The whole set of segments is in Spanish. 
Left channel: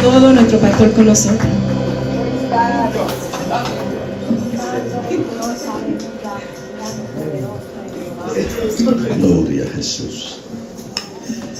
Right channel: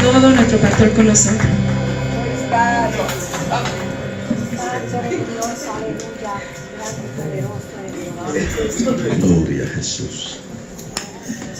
todo nuestro pastor con nosotros. Gloria a Jesús.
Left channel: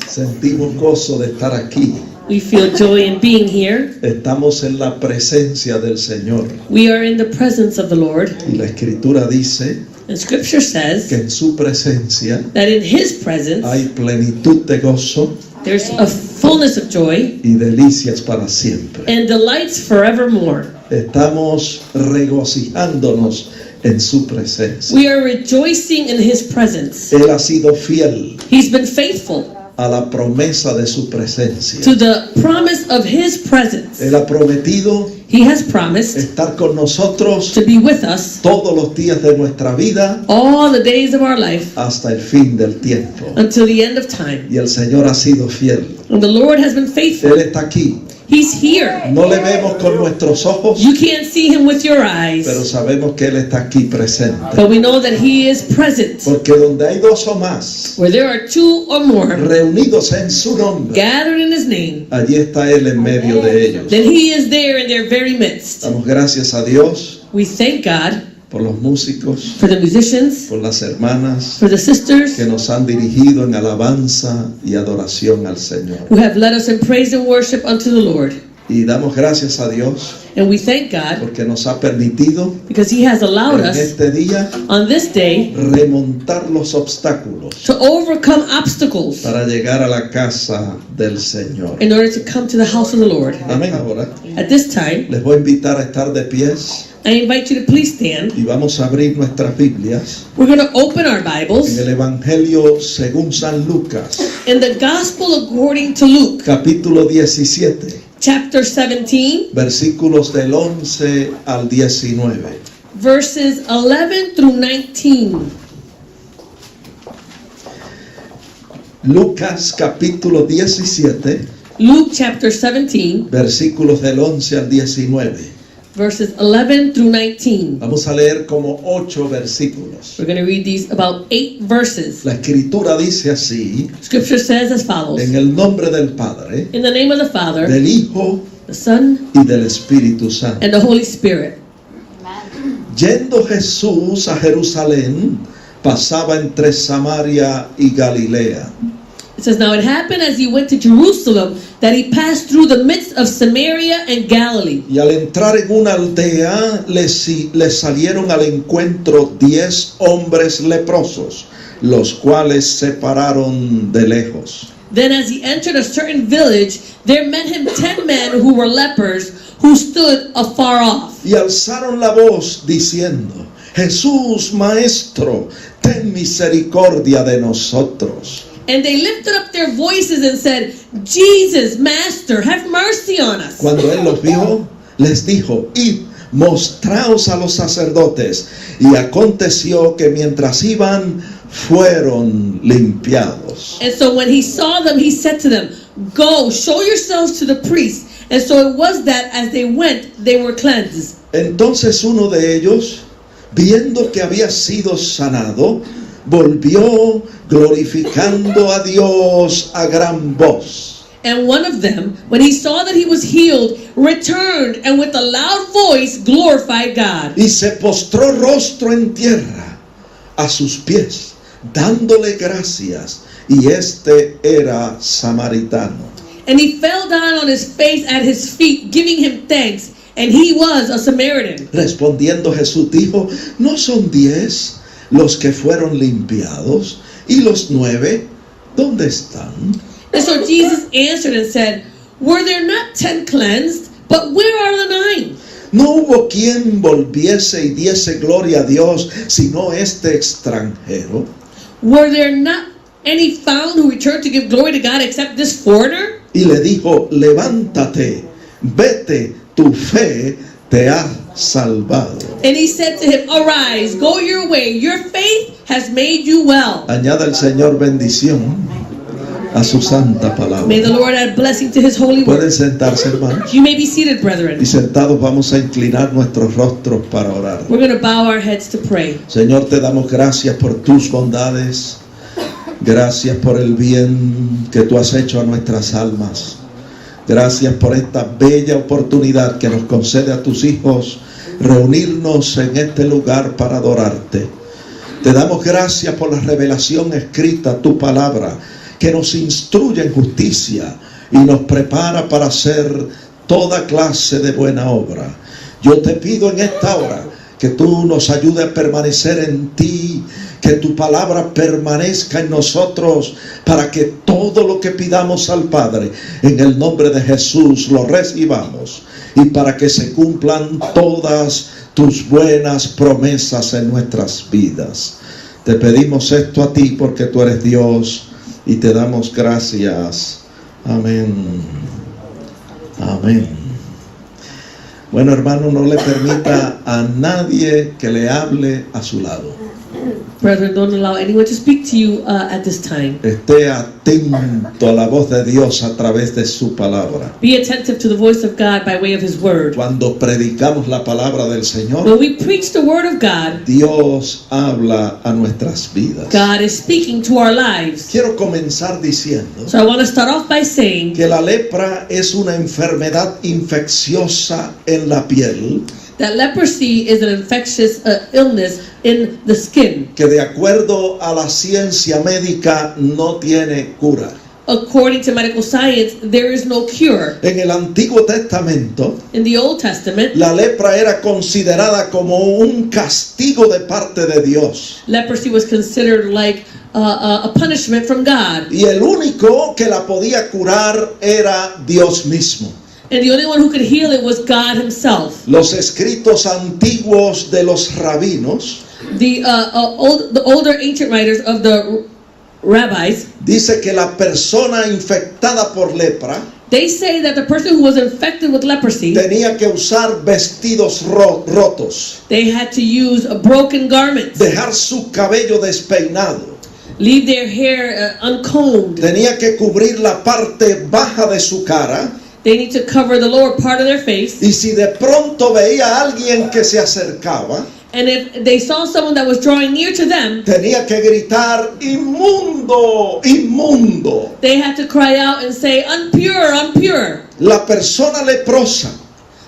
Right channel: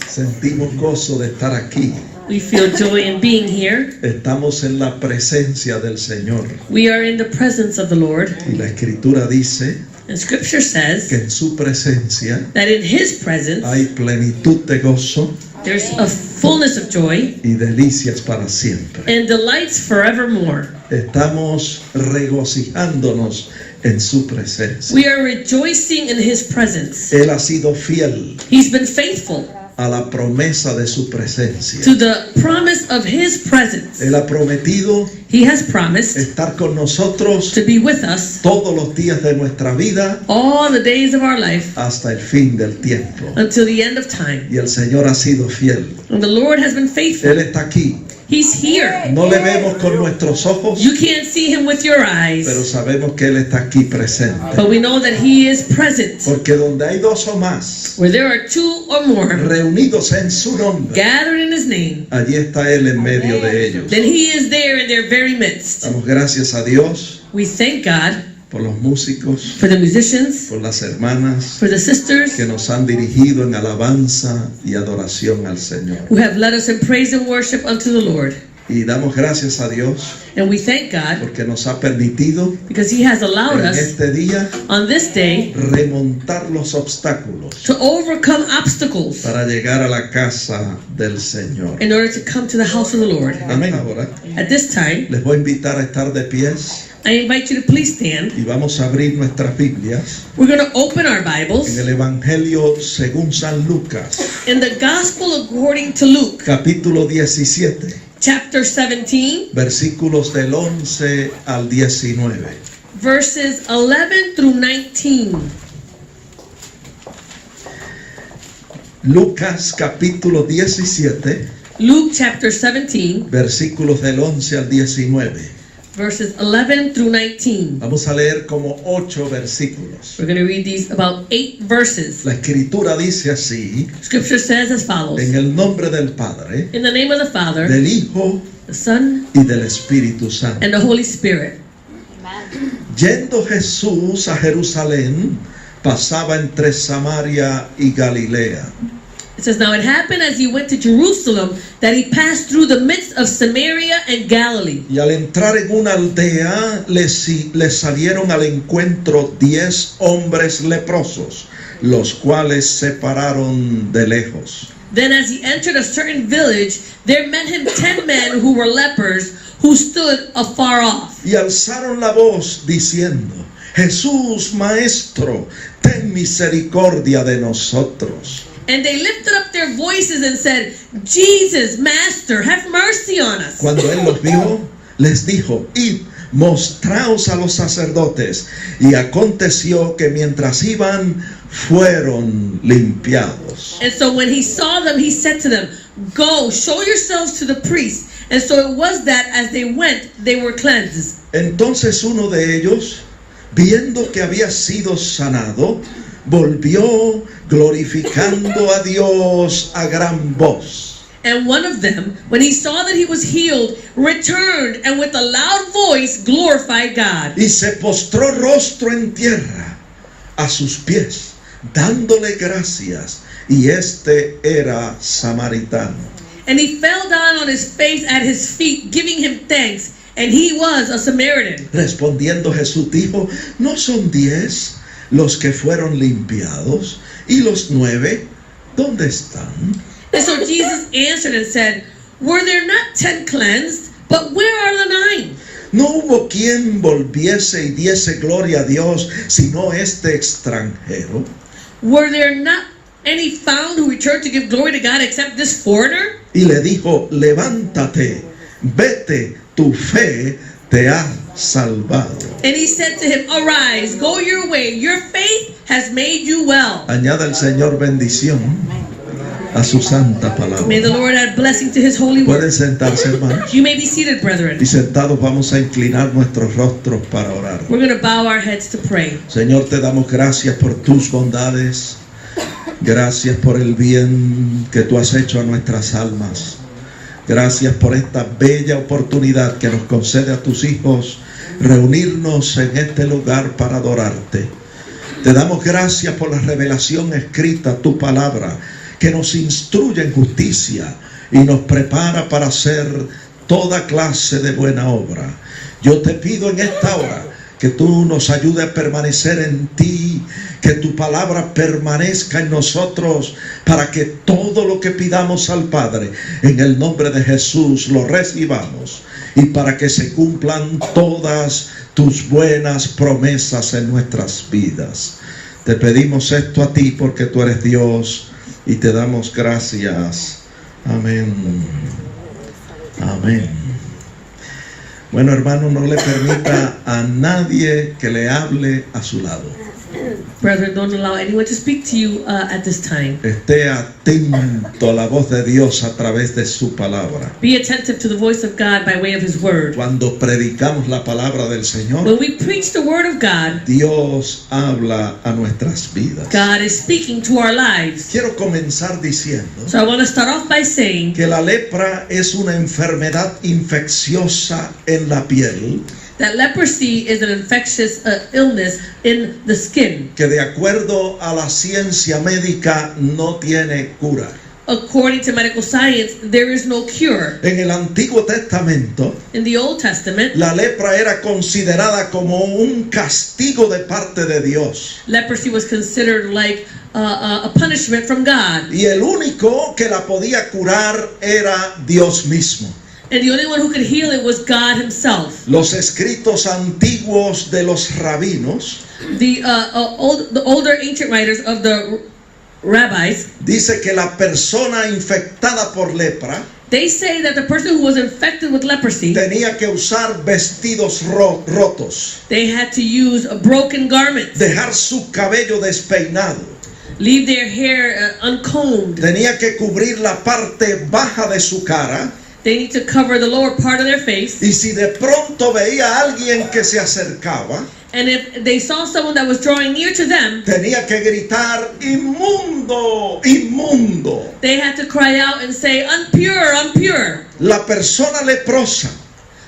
Sentimos gozo de estar aquí. We feel joy in being here. Estamos en la presencia del Señor. We are in the presence of the Lord. Y la Escritura dice And Scripture says que en su presencia that in His presence hay plenitud de gozo there's a fullness of joy y delicias para siempre. and delights forevermore. Estamos regocijándonos en su presencia. We are rejoicing in His presence. Él ha sido fiel He's been faithful a la promesa de su presencia. to the promise of His presence. Él ha prometido He has promised estar con nosotros to be with us todos los días de nuestra vida all the days of our life hasta el fin del tiempo. until the end of time. Y el Señor ha sido fiel. And the Lord has been faithful. Él está aquí. He's here. No le vemos con nuestros ojos, You can't see Him with your pero eyes, sabemos que Él está aquí presente. but we know that He is present. Porque donde hay dos o más Where there are two or more reunidos en su nombre, gathered in His name, allí está Él en medio de ellos. then He is there in their very midst. Damos gracias a Dios We thank God por los músicos, for the musicians, por las hermanas for the sisters que nos han dirigido en alabanza y adoración al Señor. who have led us in praise and worship unto the Lord. Y damos gracias a Dios And we thank God porque nos ha permitido because He has allowed en us este día on this day remontar los obstáculos to overcome obstacles para llegar a la casa del Señor. in order to come to the house of the Lord. Amén. Ahora At this time, les voy a invitar a estar de pies I invite you to please stand. y vamos a abrir nuestras Biblias We're going to open our en Bibles el Evangelio según San Lucas, in the Gospel according to Luke, capítulo 17, chapter 17, versículos del 11 al 19. verses 11 through 19. Lucas capítulo 17, Luke chapter 17, versículos del 11 al 19. verses 11 through 19. Vamos a leer como 8 versículos. We're going to read these about 8 verses. La Escritura dice así: Scripture says as follows. en el nombre del Padre, In the name of the Father, del Hijo the Son, y del Espíritu Santo. and the Holy Spirit. Yendo Jesús a Jerusalén, pasaba entre Samaria y Galilea. It says, now it happened as he went to Jerusalem that he passed through the midst of Samaria and Galilee. Y al entrar en una aldea, le salieron al encuentro 10 hombres leprosos, los cuales se pararon de lejos. Then as he entered a certain village, there met him 10 men who were lepers, who stood afar off. Y alzaron la voz diciendo: Jesús, Maestro, ten misericordia de nosotros. And they lifted up their voices and said, Jesus, Master, have mercy on us. Cuando él los vio, les dijo: Id, mostraos a los sacerdotes. Y aconteció que mientras iban, fueron limpiados. And so when he saw them, he said to them, go, show yourselves to the priests. And so it was that as they went, they were cleansed. Entonces uno de ellos, viendo que había sido sanado, volvió glorificando a Dios a gran voz. And one of them, when he saw that he was healed, returned and with a loud voice glorified God. Y se postró rostro en tierra a sus pies, dándole gracias. Y este era samaritano. And he fell down on his face at his feet, giving him thanks. And he was a Samaritan. Respondiendo Jesús dijo: ¿No son 10 los que fueron limpiados? ¿Y los 9 dónde están? And so Jesus answered and said, were there not 10 cleansed? But where are the 9? No hubo quien volviese y diese gloria a Dios, sino este extranjero. Were there not any found who returned to give glory to God except this foreigner? Y le dijo: levántate, vete, tu fe te ha salvado. And he said to him, arise, go your way, your faith has made you well. Añada el Señor bendición a su santa palabra. May the Lord add blessing to his holy word. Pueden sentarse, hermanos. You may be seated, brethren. Y sentados vamos a inclinar nuestros rostros para orar. We're going to bow our heads to pray. Señor, te damos gracias por tus bondades. Gracias por el bien que tú has hecho a nuestras almas. Gracias por esta bella oportunidad que nos concede a tus hijos reunirnos en este lugar para adorarte. Te damos gracias por la revelación escrita, tu palabra, que nos instruye en justicia y nos prepara para hacer toda clase de buena obra. Yo te pido en esta hora que tú nos ayudes a permanecer en ti, que tu palabra permanezca en nosotros, para que todo lo que pidamos al Padre, en el nombre de Jesús, lo recibamos, y para que se cumplan todas tus buenas promesas en nuestras vidas. Te pedimos esto a ti porque tú eres Dios, y te damos gracias. Amén. Amén. Bueno, hermano, no le permita a nadie que le hable a su lado. Brethren, don't allow anyone to speak to you at this time. Esté atento a la voz de Dios a través de su palabra. Be attentive to the voice of God by way of His Word. Cuando predicamos la palabra del Señor, When we preach the Word of God, Dios habla a nuestras vidas. God is speaking to our lives. Quiero comenzar diciendo So I want to start off by saying que la lepra es una enfermedad infecciosa en la piel that leprosy is an infectious illness in the skin. que de acuerdo a la ciencia médica no tiene cura. According to medical science, there is no cure. En el Antiguo Testamento, In the Old Testament, la lepra era considerada como un castigo de parte de Dios. leprosy was considered like a punishment from God. Y el único que la podía curar era Dios mismo. And the only one who could heal it was God Himself. Los escritos antiguos de los rabinos The older ancient writers of the rabbis, dice que la persona infectada por lepra they say that the person who was infected with leprosy, tenía que usar vestidos rotos, they had to use broken garments, dejar su cabello despeinado, leave their hair uncombed. tenía que cubrir la parte baja de su cara. They need to cover the lower part of their face. Y si de pronto veía a alguien que se acercaba, And if they saw someone that was drawing near to them, tenía que gritar, inmundo, inmundo. they had to cry out and say, "Unpure, unpure." La persona leprosa,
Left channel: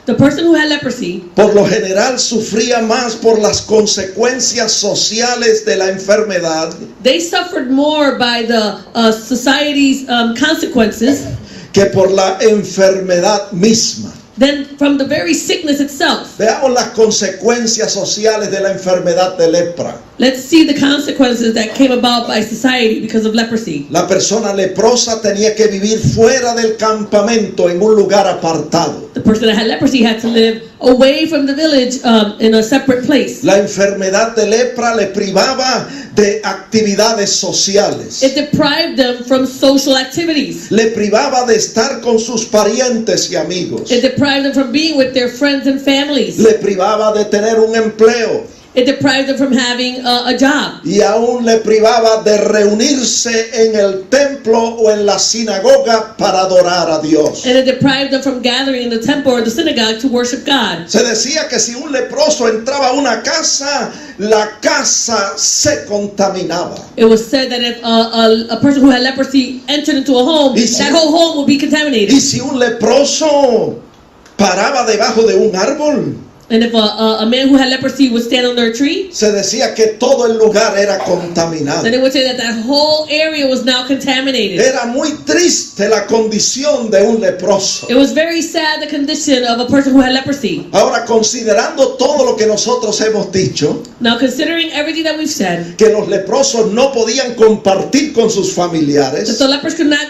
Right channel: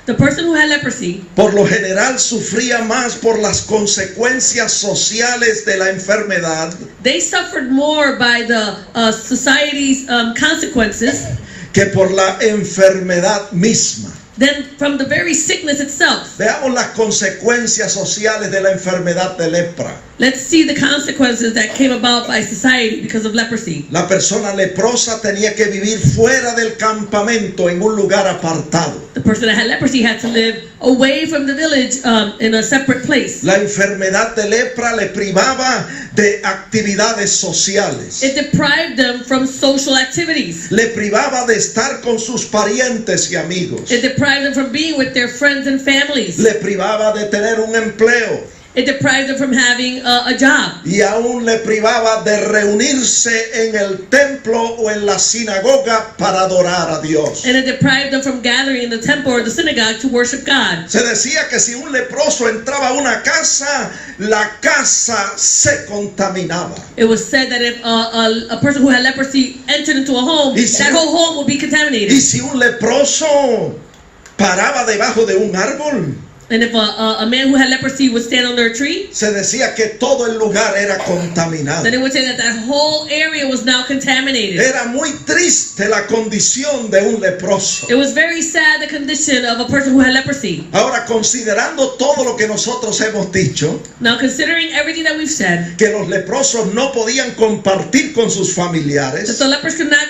The person who had leprosy, por lo general, sufría más por las consecuencias sociales de la enfermedad they suffered more by the society's consequences que por la enfermedad misma. than from the very sickness itself. Veamos las consecuencias sociales de la enfermedad de lepra. Let's see the consequences that came about by society because of leprosy. La persona leprosa tenía que vivir fuera del campamento, en un lugar apartado. The person that had leprosy had to live away from the village in a separate place. La enfermedad de lepra le privaba de actividades sociales. It deprived them from social activities. Le privaba de estar con sus parientes y amigos. It deprived them from being with their friends and families. Le privaba de tener un empleo. It deprived them from having a job. Y aún le privaba de reunirse en el templo o en la sinagoga para adorar a Dios. And it deprived them from gathering in the temple or the synagogue to worship God. Se decía que si un leproso entraba a una casa, la casa se contaminaba. It was said that if a person who had leprosy entered into a home, Y si- that whole home would be Y contaminated. si un leproso paraba debajo de un árbol, And if a man who had leprosy would stand under a tree, se decía que todo el lugar era contaminado. then it would say that that whole area was now contaminated. Era muy triste la condición de un leproso. It was very sad, the condition of a person who had leprosy. Ahora, considerando todo lo que nosotros hemos dicho, Now, considering everything that we've said, que los leprosos no podían compartir con sus that familiares, the lepers could not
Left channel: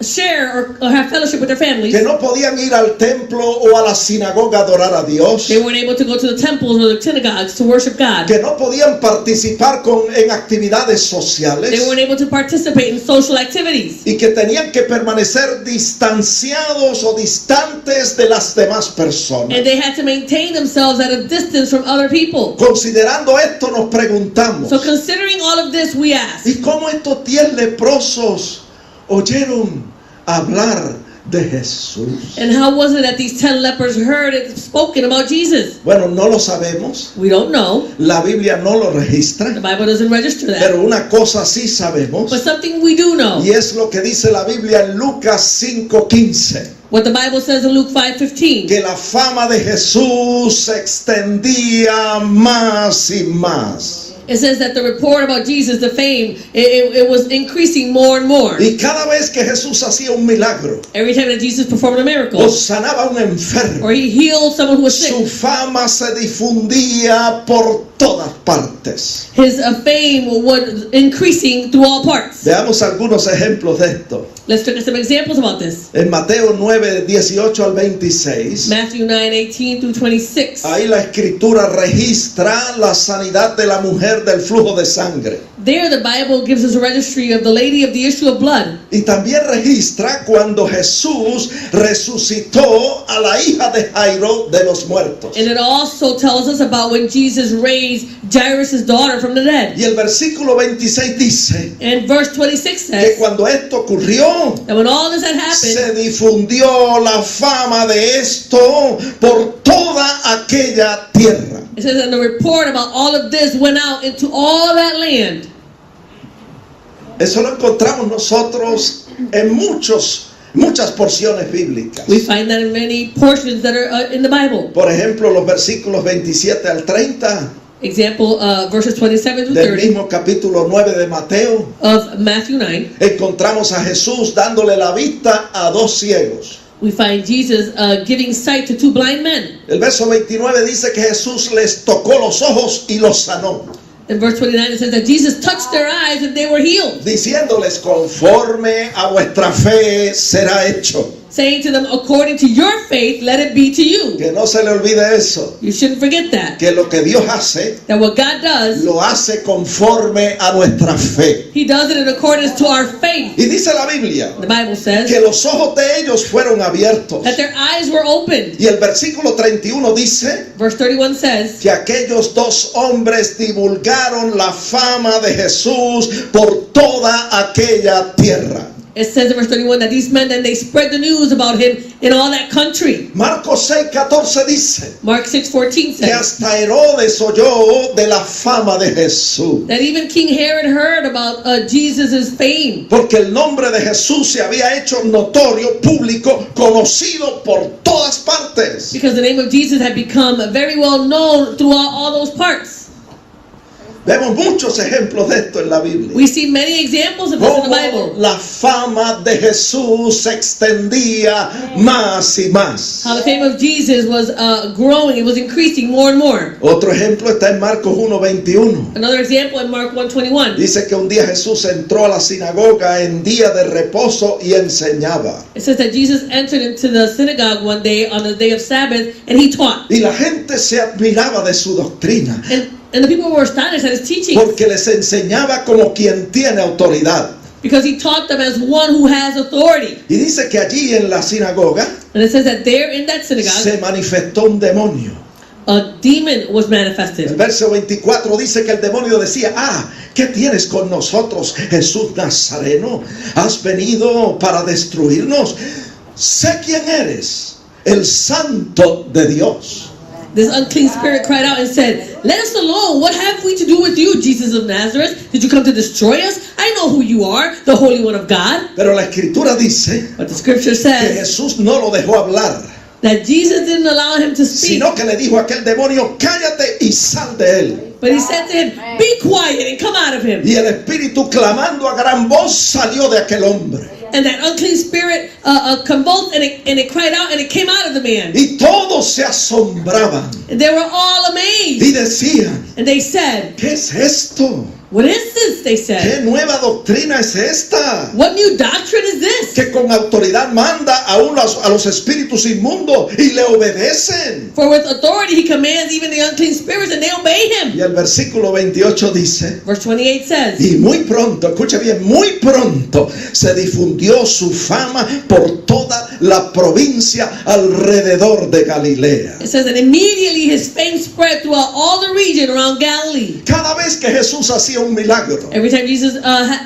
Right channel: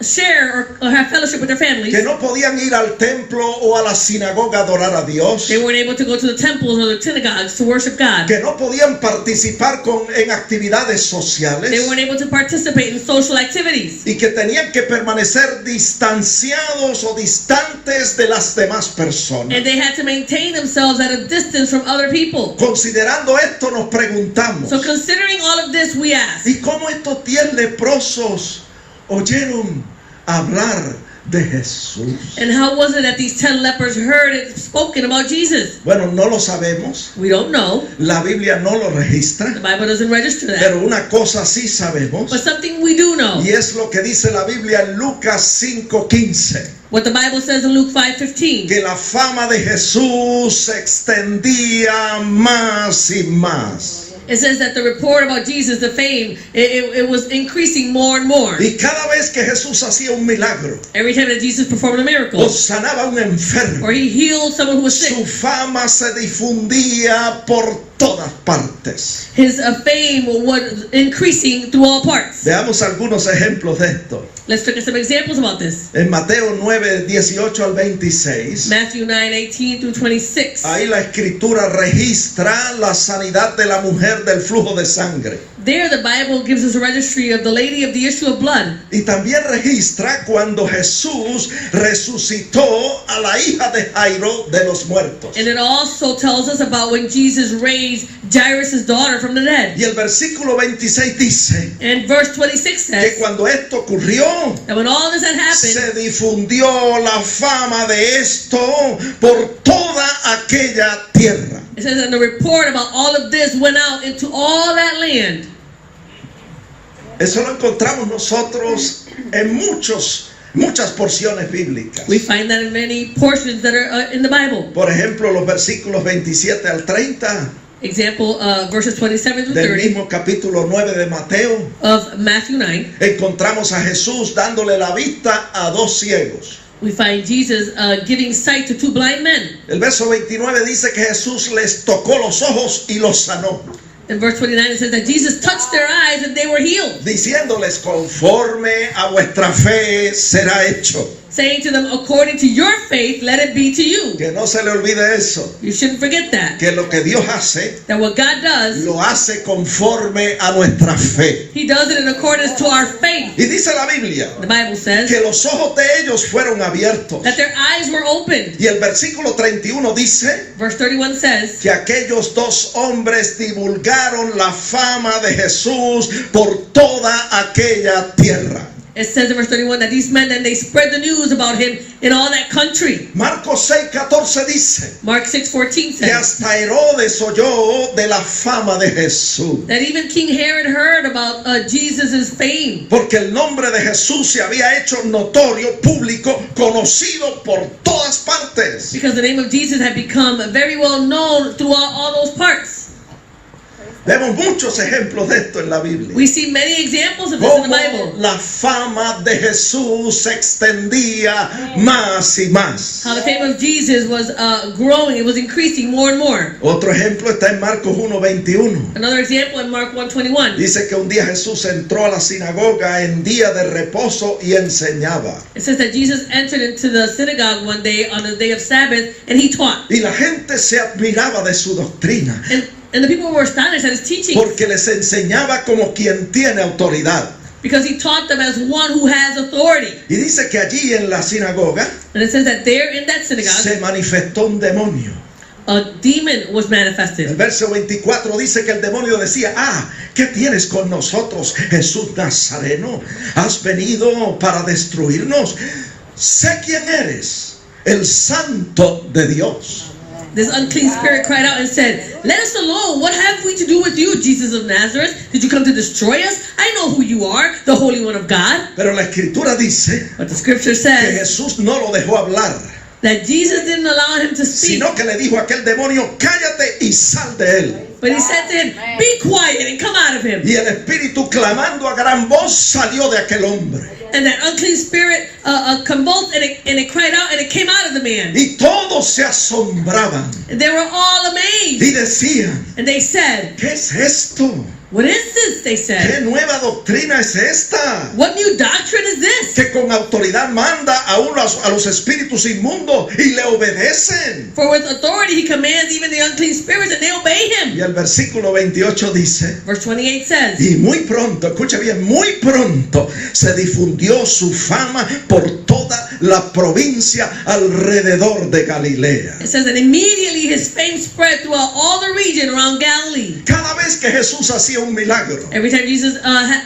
share or have fellowship with their families. que no podían ir al templo o a la sinagoga a adorar a Dios, They weren't able to go to the temples or the synagogues to worship God. que no podían participar en actividades They sociales, weren't able to participate in social activities. y que tenían que permanecer distanciados o distantes de las demás personas. And they had to maintain themselves at a distance from other people. Considerando esto, nos preguntamos, So considering all of this, we ask, ¿y cómo estos 10 leprosos oyeron hablar de Jesús. And how was it that these 10 lepers heard it spoken about Jesus? Bueno, no lo sabemos. We don't know. La Biblia no lo registra. The Bible doesn't register that. Pero una cosa sí sabemos. But something we do know. Y es lo que dice la Biblia en Lucas 5:15. What the Bible says in Luke 5:15. Que la fama de Jesús se extendía más y más. It says that the report about Jesus, the fame, it was increasing more and more. Y cada vez que Jesús hacía un milagro, Every time that Jesus performed a miracle, o sanaba a un enfermo, or he healed someone who was su sick, fama se difundía por todas partes. his fame was increasing through all parts. Veamos algunos ejemplos de esto. Let's look at some examples about this. En Mateo 9:18 al 26, Matthew 9:18 through 26. ahí la escritura registra la sanidad de la mujer del flujo de sangre. There the Bible gives us a registry of the lady of the issue of blood. Y también registra cuando Jesús resucitó a la hija de Jairo de los muertos. And it also tells us about when Jesus raised Jairus' daughter from the dead. Y el versículo 26 dice And verse 26 que says cuando esto ocurrió, that when all this had happened, se difundió la fama de esto por toda aquella tierra. it says that the report about all of this went out into all that land. Eso lo encontramos nosotros en muchas porciones bíblicas. We find that in many portions that are in the Bible. Por ejemplo, los versículos 27 al 30 Example, verses 27 to del 30 mismo capítulo 9 de Mateo, of Matthew 9. encontramos a Jesús dándole la vista a dos ciegos. We find Jesus giving sight to 2 blind men. El verso 29 dice que Jesús les tocó los ojos y los sanó, In verse 29 it says that Jesus touched their eyes and they were healed, diciéndoles: conforme a vuestra fe será hecho. saying to them, according to your faith, let it be to you. Que no se le olvide eso, You shouldn't forget that. que lo que Dios hace, That what God does, lo hace conforme a nuestra fe. He does it in accordance to our faith. Y dice la Biblia The Bible says que los ojos de ellos fueron abiertos. that their eyes were opened. Y el versículo 31 dice Verse 31 says que aquellos dos hombres divulgaron la fama de Jesús por toda aquella tierra. It says in verse 31 that these men, then they spread the news about him in all that country. Marcos 6:14 dice Mark 6:14 que says hasta Herodes oyó de la fama de Jesús, that even King Herod heard about Jesus' fame, porque el nombre de Jesús se había hecho notorio, público, conocido por todas partes. because the name of Jesus had become very well known through all those parts. Vemos muchos ejemplos de esto en la Biblia. We see many examples of this in the Cómo Bible. la fama de Jesús se extendía más y más. How the fame of Jesus was growing, it was increasing more and more. Otro ejemplo está en Marcos 1:21. Another example in Mark 1:21. Dice que un día Jesús entró a la sinagoga en día de reposo y enseñaba. It says that Jesus entered into the synagogue one day on the day of Sabbath and he taught. Y la gente se admiraba de su doctrina, And the people were astonished at his teaching porque les enseñaba como quien tiene autoridad. because he taught them as one who has authority. Y dice que allí en la sinagoga And it says that there in that synagogue, se manifestó un demonio. a demon was El manifested. verso 24 dice que el demonio decía: ¿qué tienes con nosotros, Jesús Nazareno? ¿Has venido para destruirnos? Sé quién eres, el Santo de Dios. This unclean spirit cried out and said, "Let us alone. What have we to do with you, Jesus of Nazareth? Did you come to destroy us? I know who you are, the Holy One of God." Pero la escritura dice But the scripture que says Jesús no lo dejó hablar, that Jesus didn't allow him to speak, sino que le dijo a aquel demonio: cállate y sal de él. but he said to him, "Be quiet and come out of him." Y el espíritu, clamando a gran voz, salió de aquel hombre. And that unclean spirit convulsed and it cried out and it came out of the man. Y todos se asombraban And they were all amazed. y decían: And they said, ¿qué es esto? "What is this?" They ¿Qué said. nueva doctrina es esta? "What new doctrine is this?" Que con autoridad manda a los espíritus inmundos y le obedecen. For with authority he commands even the unclean spirits and they obey him. Y el versículo 28 dice: Verse 28 says, y muy pronto, escucha bien, muy pronto se difundió su fama por toda la provincia alrededor de Galilea. it says that immediately immediately his fame spread throughout all the region around Galilee. Cada vez que Jesús hacía un milagro, Every time Jesus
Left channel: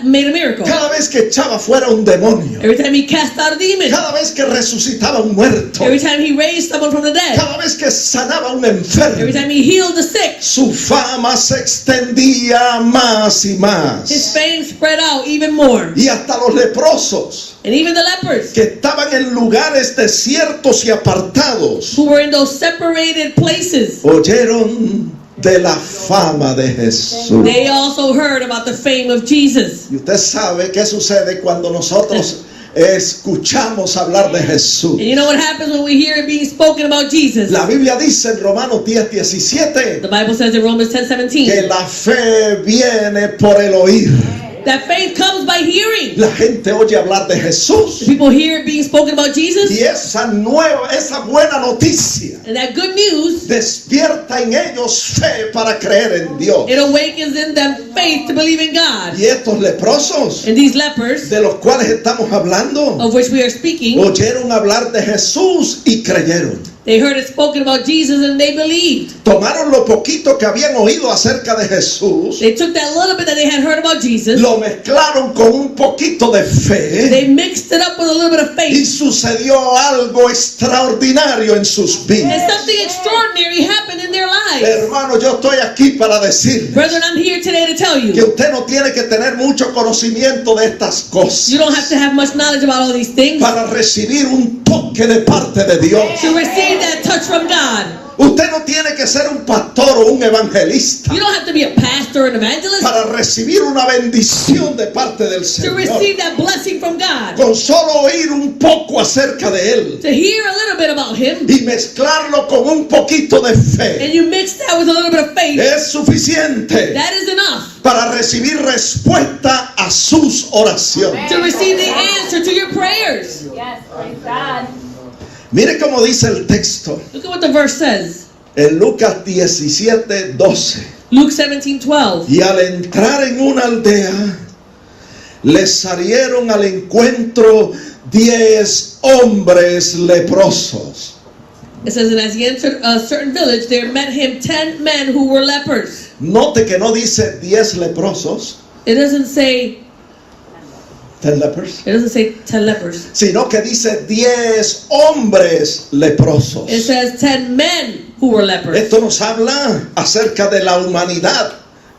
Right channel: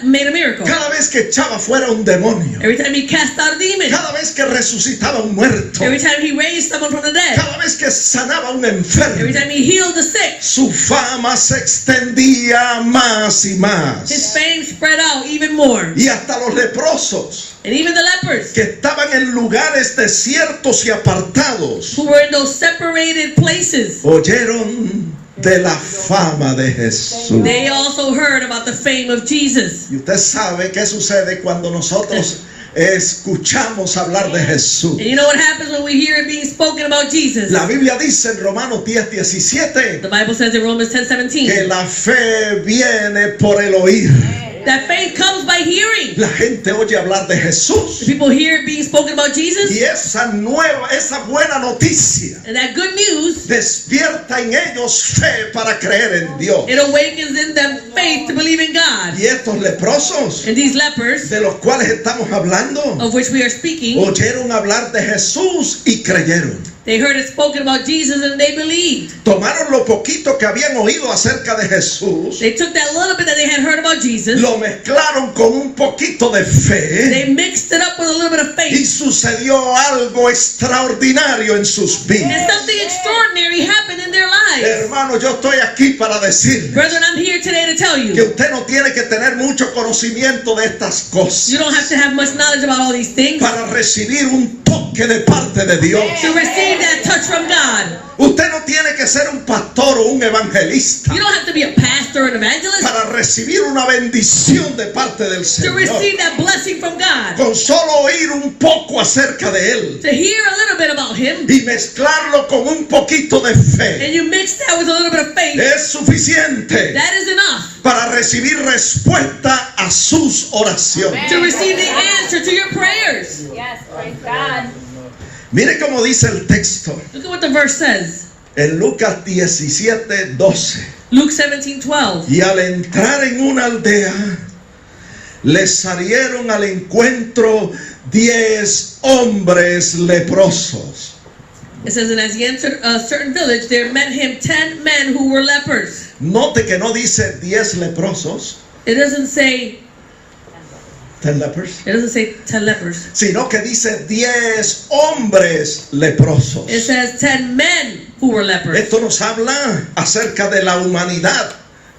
made a miracle. cada vez que echaba fuera un demonio, Every time he cast out a demon. cada vez que resucitaba un muerto, Every time he raised someone from the dead. cada vez que sanaba un Every enfermo, time he healed the sick. su fama se extendía más y His más. fame spread out even more. Y hasta los leprosos, And even the lepers que estaban en lugares desiertos y apartados, who were in those separated places, oyeron de la fama de Jesús. they also heard about the fame of Jesus. Y usted sabe qué sucede cuando nosotros escuchamos hablar de Jesús. And you know what happens when we hear it being spoken about Jesus? La Biblia dice en Romanos 10:17 The Bible says in Romans 10:17 que la fe viene por el oír. that faith comes by hearing. La gente oye hablar de Jesús. People hear it being spoken about Jesus, Y esa buena noticia and that good news, despierta en ellos fe para creer en Dios. it awakens in them faith to believe in God. Y estos leprosos And these lepers, de los cuales estamos hablando, of which we are speaking, oyeron hablar de Jesús y creyeron. they heard it spoken about Jesus and they believed. Tomaron lo poquito que habían oído acerca de Jesús, They took that little bit that they had heard about Jesus, lo mezclaron con un poquito de fe they mixed it up with a little bit of y faith, sucedió algo extraordinario en sus and vidas. something extraordinary happened in their lives. Hermano, yo estoy aquí para decir Brethren, I'm here today to tell que you, usted no tiene que tener mucho conocimiento de estas cosas you don't have to have much knowledge about all these things para recibir un toque de parte de Dios. to receive that touch from God. Usted no tiene que ser un pastor o un evangelista You don't have to be a pastor or an evangelist para recibir una bendición de parte del to Señor. receive that blessing from God. Con solo oír un poco acerca de Él To hear a little bit about Him, y mezclarlo con un poquito de and fe you mix that with a little bit of faith, es suficiente that is enough para recibir respuesta a sus oraciones. to receive the answer to your prayers. Yes, praise God. Mire cómo dice el texto Look at what the verse says. en Lucas 17:12. Luke 17:12. Y al entrar en una aldea, les salieron al encuentro 10 hombres leprosos. It says, and as he entered a certain village, there met him 10 men who were lepers. Note que no dice 10 leprosos, It doesn't say 10 lepers, 10 lepers. sino que dice 10 hombres leprosos. It says 10 men who were lepers. Esto nos habla acerca de la humanidad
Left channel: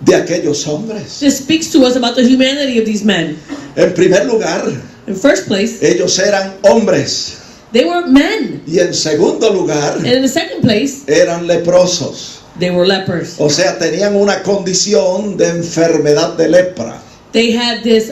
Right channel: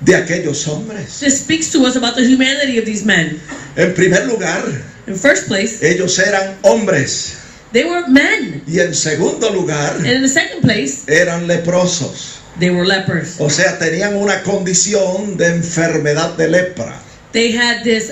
de aquellos hombres. This speaks to us about the humanity of these men. En primer lugar, In first place, ellos eran hombres. they were men. Y en segundo lugar, And in the second place, eran leprosos. they were lepers. O sea, tenían una condición de enfermedad de lepra. They had this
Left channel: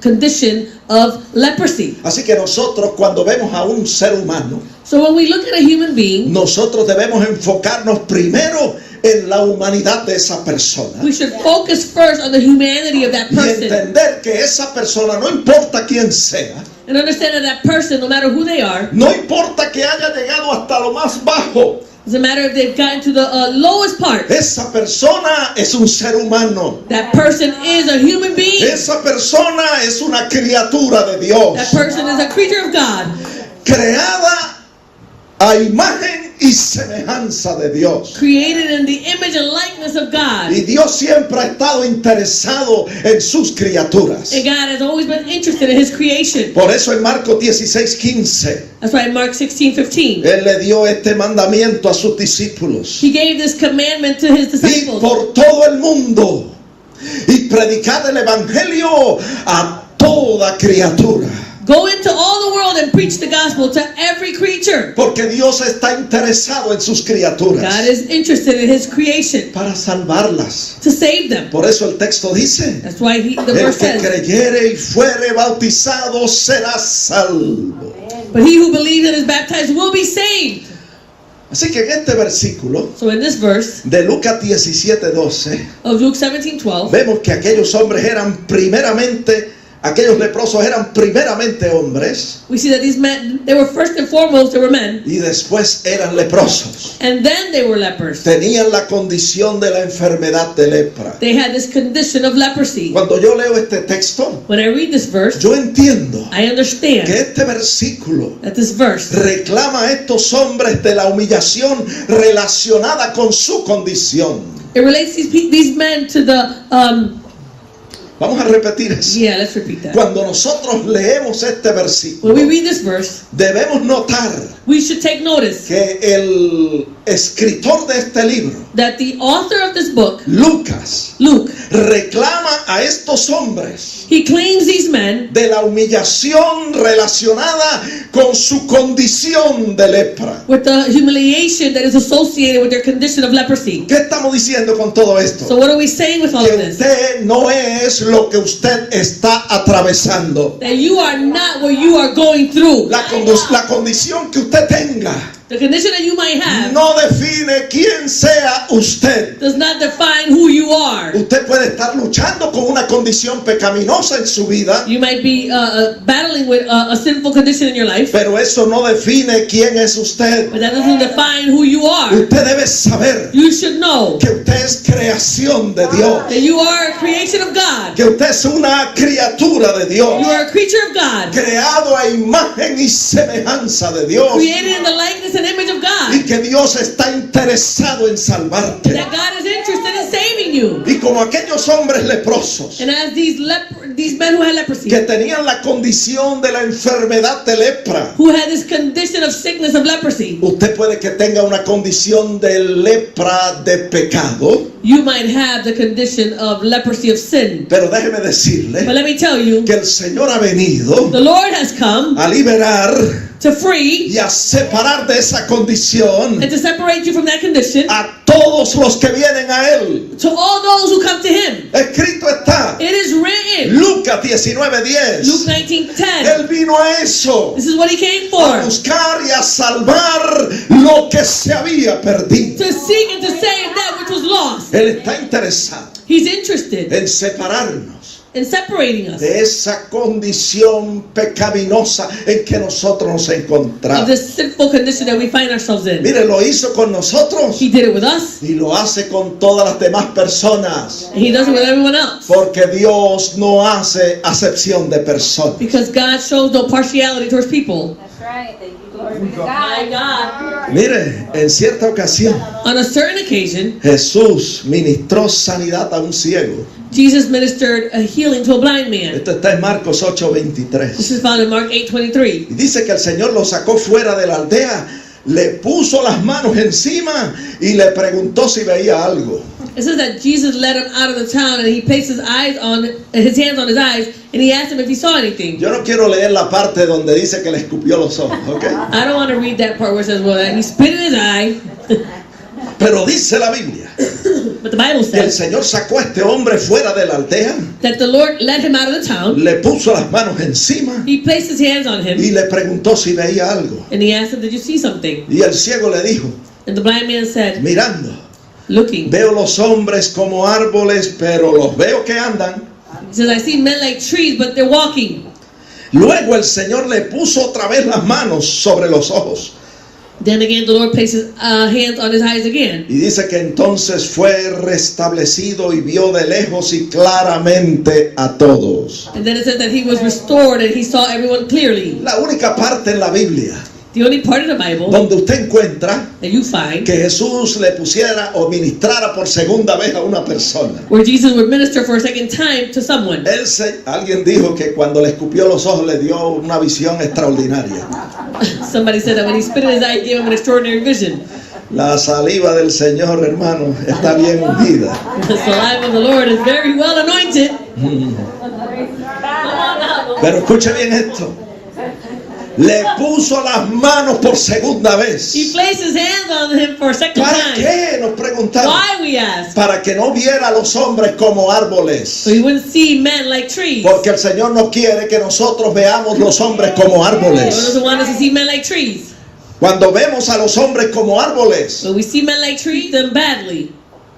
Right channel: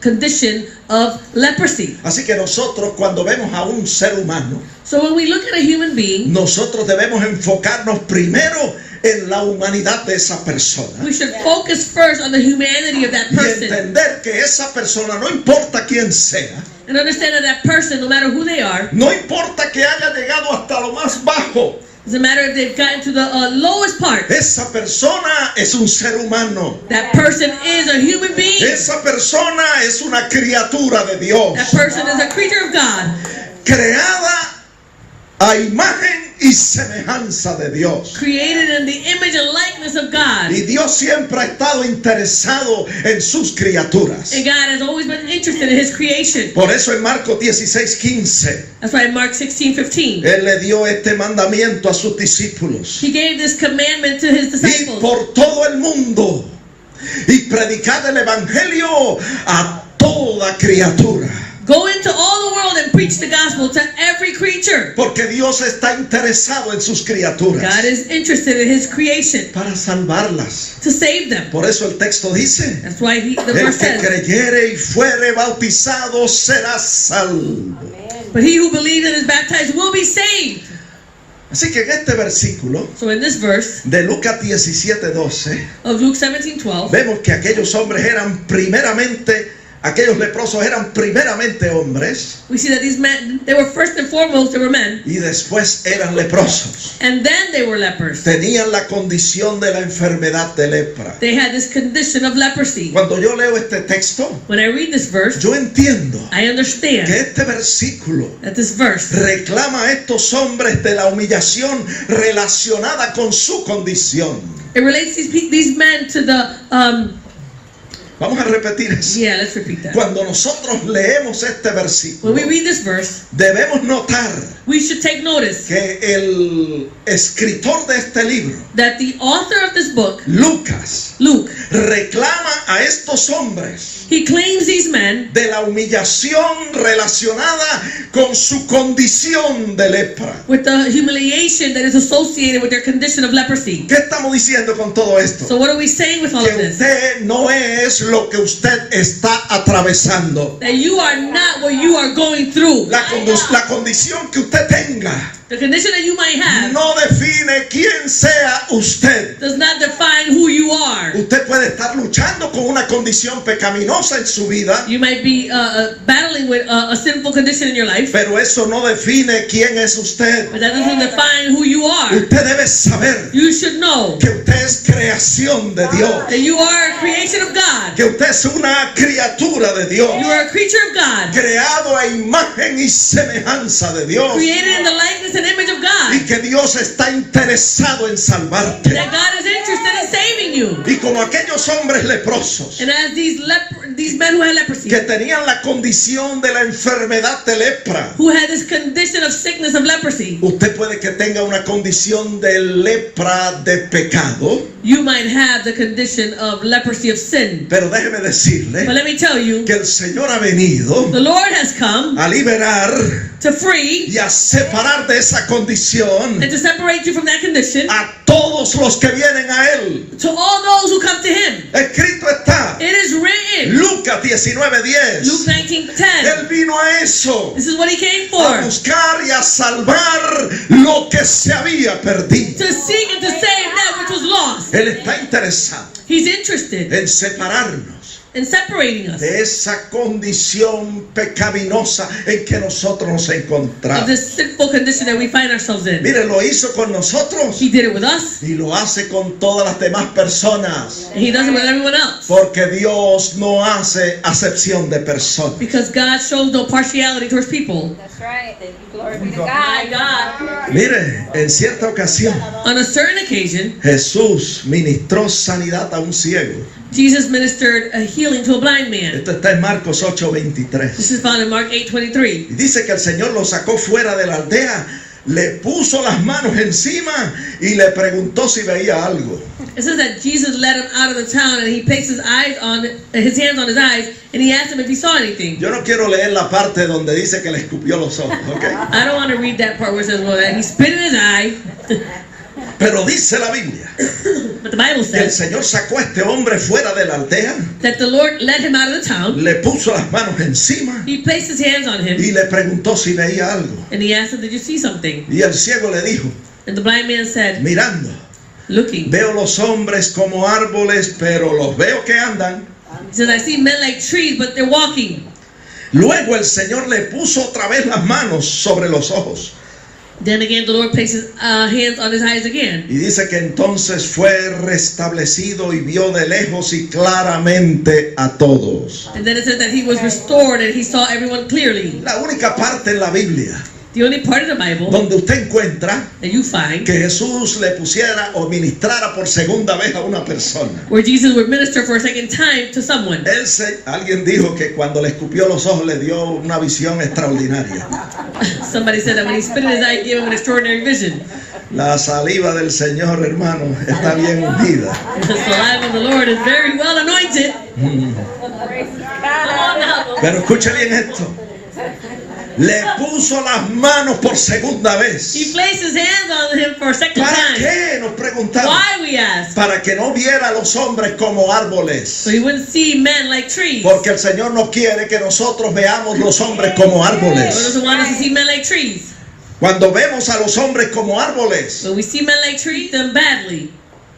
condition of leprosy. Así que nosotros cuando vemos a un ser humano, So when we look at a human being, nosotros debemos enfocarnos primero en la humanidad de esa persona. we should focus first on the humanity of that Y person entender que esa persona, no importa quién sea, and understand that that person, no matter who they are, no importa que haya llegado hasta lo más bajo, doesn't matter if they've gotten to the lowest part, esa persona es un ser humano. that person is a human being. Esa persona es una criatura de Dios, That person is a creature of God, creada a imagen y semejanza de Dios. created in the image and likeness of God. Y Dios siempre ha estado interesado en sus criaturas. And God has always been interested in His creation. Por eso en Marcos 16:15, That's why in Mark 16:15, Él le dio este mandamiento a sus discípulos. He gave this commandment to His Y disciples. por todo el mundo, y predicad el evangelio a toda criatura. Go into all the world and preach the gospel to every creature. Porque Dios está interesado en sus criaturas God is interested in His creation para salvarlas. to save them. Por eso el texto dice, That's why the el verse que says, creyere y fuere bautizado será salvo. but he who believes and is baptized will be saved. Así que en este versículo So in this verse de Lucas 17:12, of Luke 17:12, vemos que aquellos hombres eran primeramente aquellos leprosos eran primeramente hombres We see that these men, they were first and foremost, they were men. y después eran leprosos. And then they were lepers. Tenían la condición de la enfermedad de lepra. They had this condition of leprosy. Cuando yo leo este texto, When I read this verse, yo entiendo I que understand este versículo that this verse reclama a estos hombres de la humillación relacionada con su condición. it relates these men to the Vamos a repetir eso. yeah, let's repeat that. Cuando nosotros leemos este versículo, When we read this verse, debemos notar we should take notice que el escritor de este libro, that the author of this book, Lucas, Luke, reclama a estos hombres he claims these men de la humillación relacionada con su condición de lepra. with the humiliation that is associated with their condition of leprosy. ¿Qué estamos diciendo con todo esto? So what are we saying with all Que of this? usted no es lo que usted está atravesando. That you are not what you are going through. La condición que usted tenga The condition that you might have no define quién sea usted. does not define who you are. Usted puede estar luchando con una condición pecaminosa en su vida, You might be battling with a sinful condition in your life, pero eso no define quién es usted. but that doesn't define who you are. Usted debe saber You should know que usted es creación de Dios, that you are a creation of God. que usted es una criatura de Dios, You are a creature of God, creado a imagen y semejanza de Dios, created in the likeness and image of y God. que Dios está interesado en salvarte. That God is interested in saving you. Y como aquellos hombres leprosos And as these men who had leprosy, que tenían la condición de la enfermedad de lepra, who had this condition of sickness of leprosy, usted puede que tenga una condición de lepra de pecado, you might have the condition of leprosy of sin. pero déjeme But decirle let me tell you, que el Señor ha venido the Lord has come a liberar to free y a separar de esa condición and to separate you from that condition a todos los que vienen a Él. to all those who come to Him. Escrito está, It is written, Lucas Luke 19:10. 19:10. Él vino a eso, This is what He came a for: buscar y a salvar lo que se había perdido. to seek and to save that which was lost. Él está interesado He's interested en separarnos in separating us de esa condición pecaminosa en que nosotros nos of encontramos. this sinful condition that we find ourselves in. Mire, lo hizo con nosotros He did it with us, y lo hace con todas las demás personas, and He does it with everyone else. porque Dios no hace acepción de personas. Because God shows no partiality towards people. That's right. Glory be to My God. God. Mire, en cierta ocasión On a certain occasion, Jesús ministró sanidad a un ciego. Jesus ministered a healing to a blind man. Esto está en Marcos 8:23. This is found in Mark 8:23. Y dice que el Señor lo sacó fuera de la aldea, le puso las manos encima y le preguntó si veía algo. It says that Jesus led him out of the town and He placed his hands on his eyes and He asked him if he saw anything. Yo no quiero leer la parte donde dice que le escupió los ojos, ¿ok? I don't want to read that part where it says, well, He spit in his eye. Pero dice la Biblia But the Bible que el says Señor sacó a este hombre fuera de la aldea, that the Lord led him out of the town. le puso las manos encima He placed his hands on him y le preguntó si veía algo. and He asked him, did you see something? Y el ciego le dijo, And the blind man said, mirando, looking. veo los hombres como árboles, pero los veo que andan. He says, I see men like trees, but they're walking. Luego el Señor le puso otra vez las manos sobre los ojos. Then again, the Lord placed his hands on his eyes again. Y dice que entonces fue restablecido y vio de lejos y claramente a todos. And then it says that he was restored and he saw everyone clearly. La única parte en la Biblia The only part of the Bible donde usted encuentra that you find que Jesús le pusiera o ministrara por segunda vez a una persona. where Jesus would minister for a second time to someone. Alguien dijo que cuando le escupió los ojos le dio una visión extraordinaria. Somebody said that when He spit in his eye, He gave him an extraordinary vision. La saliva del Señor, hermano, está bien ungida. The saliva of the Lord is very well anointed. Pero escuche bien esto. Le puso las manos por segunda vez. He placed his hands on him for a second ¿Para time. qué? Nos preguntamos. Why, we ask? Para que no viera a los hombres como árboles. So he wouldn't see men like trees. Porque el Señor no quiere que nosotros veamos los hombres como He árboles. doesn't want us to see men like trees. Cuando vemos a los hombres como árboles, When we see men like trees, them badly.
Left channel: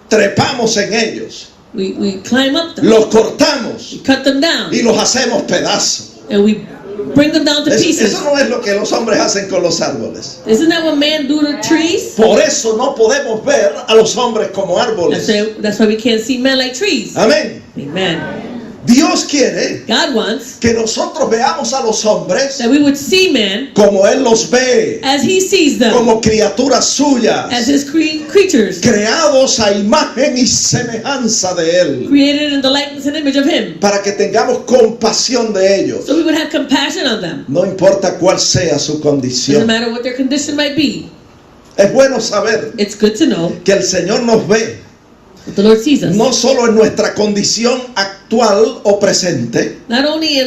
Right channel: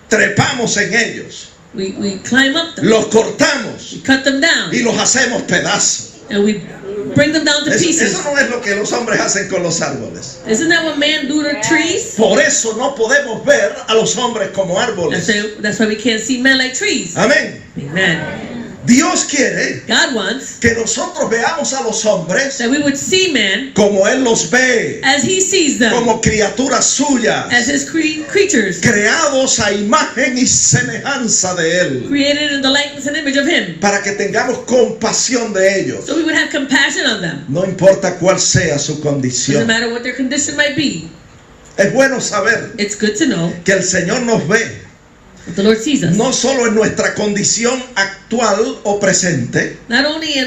trepamos en ellos. We climb up them, los cortamos cut them down, y los hacemos pedazos. and we bring them down to pieces. Eso no es lo que los hombres hacen con los árboles. Isn't that what man do to trees? Por eso no podemos ver a los hombres como árboles. That's why we can't see men like trees. Amén. Amen. Dios quiere God wants que nosotros veamos a los hombres that we would see men como Él los ve, as He sees them, como criaturas suyas, as His creatures, creados a imagen y semejanza de Él, created in the likeness and image of Him. para que tengamos compasión de ellos. So we would have compassion on them, No importa cuál sea su no condición. matter what their condition might be. Es bueno saber It's good to know que el Señor nos ve, that the Lord sees us, no solo en nuestra condición actual o presente, not only in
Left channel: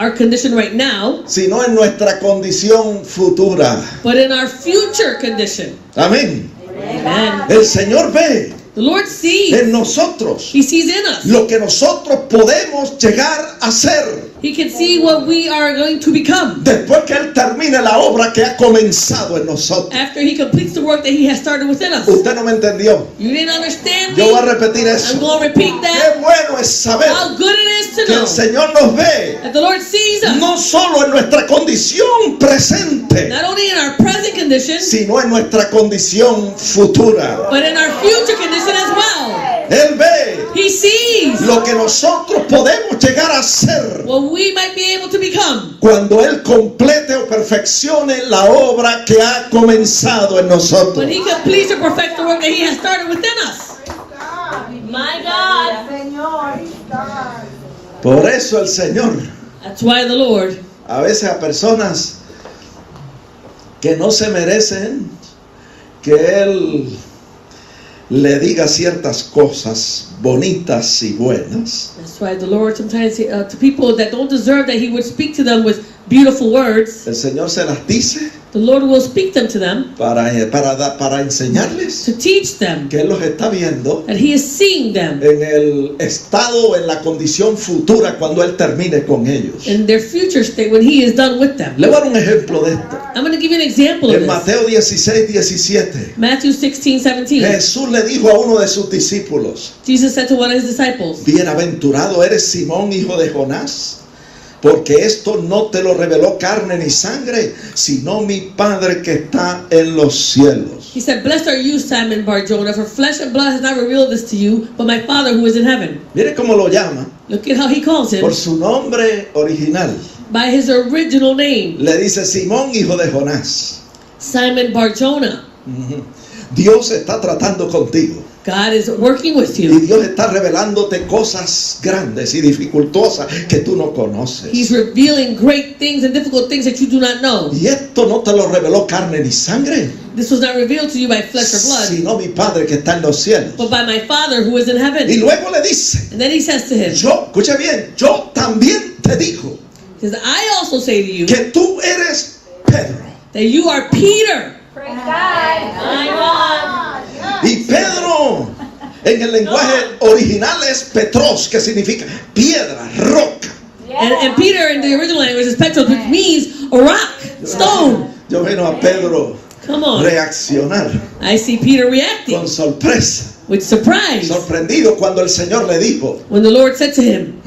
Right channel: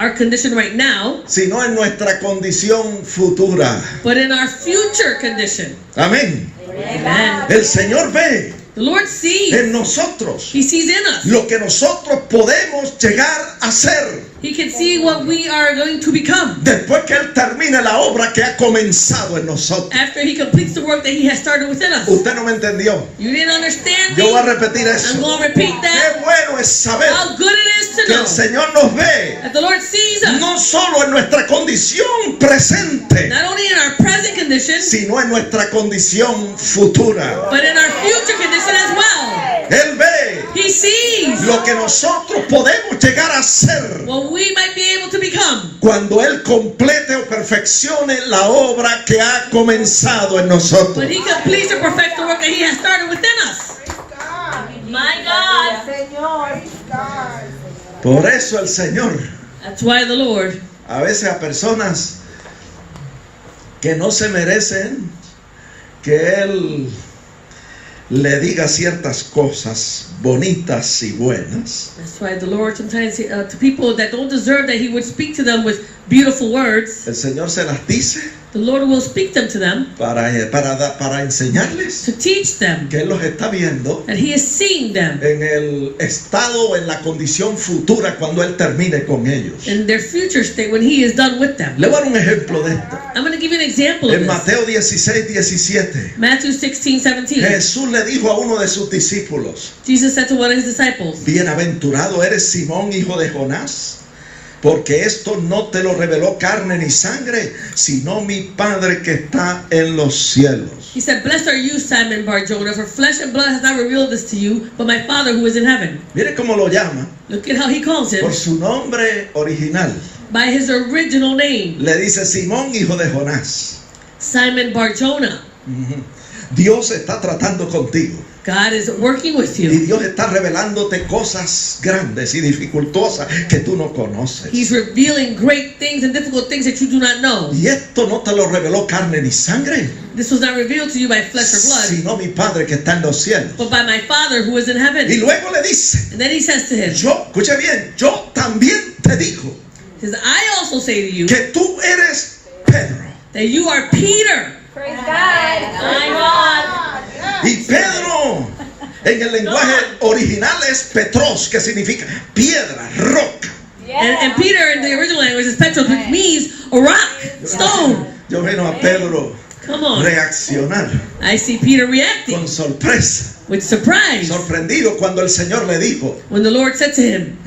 our condition right now, sino en nuestra condición futura. but in our future condition. Amén. Amen. El Señor ve The Lord sees. en nosotros He sees in us. lo que nosotros podemos llegar a ser He can see what we are going to become después que Él termine la obra que ha comenzado en nosotros. after He completes the work that He has started within us. Usted no me entendió. You didn't understand Yo me? voy a repetir I'm eso. going to repeat that. Qué bueno es saber How good it is to que el know Señor nos ve that the Lord sees us, no solo en nuestra condición presente, not only in our present condition, sino en nuestra condición futura. but in our future condition as well. Él ve He sees lo que nosotros podemos llegar a ser what we might be able to become cuando Él complete o perfeccione la obra que ha comenzado en nosotros. when He completes or perfects the work that He has started within us. My God. Por eso el Señor That's why the Lord, a veces a personas que no se merecen que Él le diga ciertas cosas bonitas y buenas, that's why the Lord sometimes to people that don't deserve that He would speak to them with beautiful words. el Señor se las dice The Lord will speak them to them para enseñarles to teach them que Él los está viendo that He is seeing them en el estado, en la condición futura cuando Él termine con ellos. in their future state when He is done with them. Le voy a dar un ejemplo de esto. I'm going to give you an example of En this. Mateo 16:17, Matthew 16:17. Jesús le dijo a uno de sus discípulos: Jesus said to one of His disciples, Bienaventurado eres Simón, hijo de Jonás, porque esto no te lo reveló carne ni sangre, sino mi Padre que está en los cielos. He said, blessed are you, Simon Bar-Jonah, for flesh and blood has not revealed this to you, but my Father who is in heaven. Mire cómo lo llama, Look at how He calls Him por su nombre original. by His original name, Le dice Simón, hijo de Jonás. Simon Bar-Jonah. Ujú. Dios está tratando contigo. God is working with Y you. Dios está revelándote cosas grandes y dificultosas que tú no conoces. He's revealing great things and difficult things that you do not know. Y esto no te lo reveló carne ni sangre, This was not revealed to you by flesh or blood, sino mi Padre que está en los cielos. but by my Father who is in Y heaven. luego le dice, And then He says to him, yo, escuche bien, yo también te digo He says, I also say to you que tú eres Pedro. that you are Peter. Praise God. My God. Y Pedro en el lenguaje original es Petros, que significa piedra, roca. And Peter in the original language is Petros, which means a rock, stone. Yo veo a Pedro Come on. reaccionar I see Peter reacting con sorpresa, with surprise sorprendido cuando el Señor le dijo, when the Lord said to him,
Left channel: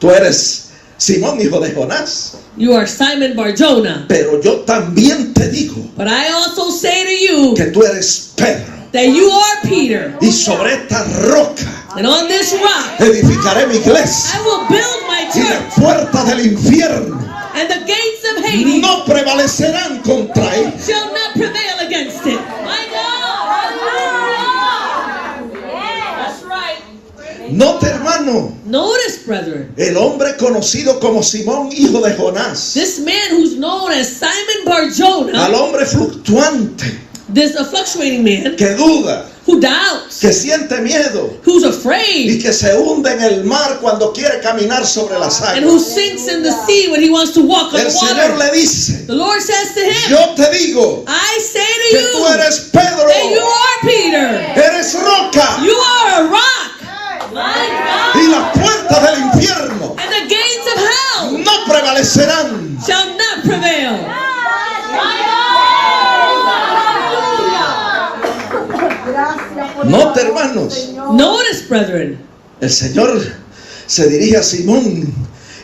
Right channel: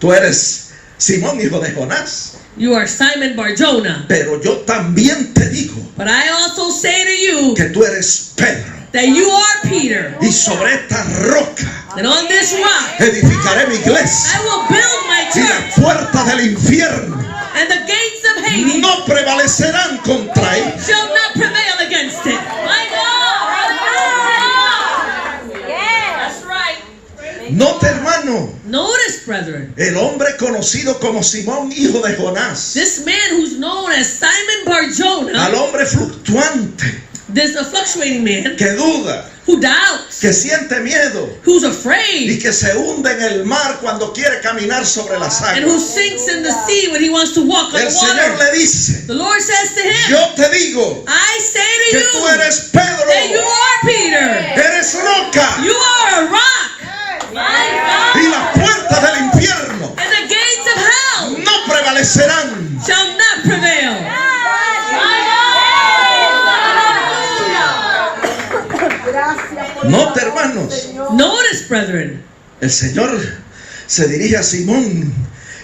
tú eres Simón, hijo de Jonás, you are Simon Bar-Jonah, pero yo también te digo but I also say to you que tú eres Pedro, that you are Peter, y sobre esta roca and on this rock edificaré mi iglesia, I will build my y las church, puertas del infierno and the gates of Hades no prevalecerán contra él. shall not prevail against it. My God! That's right. Note, hermano, Notice, brethren, el hombre conocido como Simón, hijo de Jonás, this man who's known as Simon al Bar-Jonah, hombre fluctuante, this a fluctuating man que duda, who doubts, que siente miedo who's y afraid, que se hunde en el mar cuando quiere caminar sobre las and who aguas. sinks in the sea when he wants to walk on El Señor water. le dice, The Lord says to him, yo te digo I say to que tú you eres Pedro, that you are Peter. eres roca, You are a rock. My God. y las puertas del infierno And the gates of hell no prevalecerán. shall not prevail. Note, hermanos, No brethren. El Señor se dirige a Simón,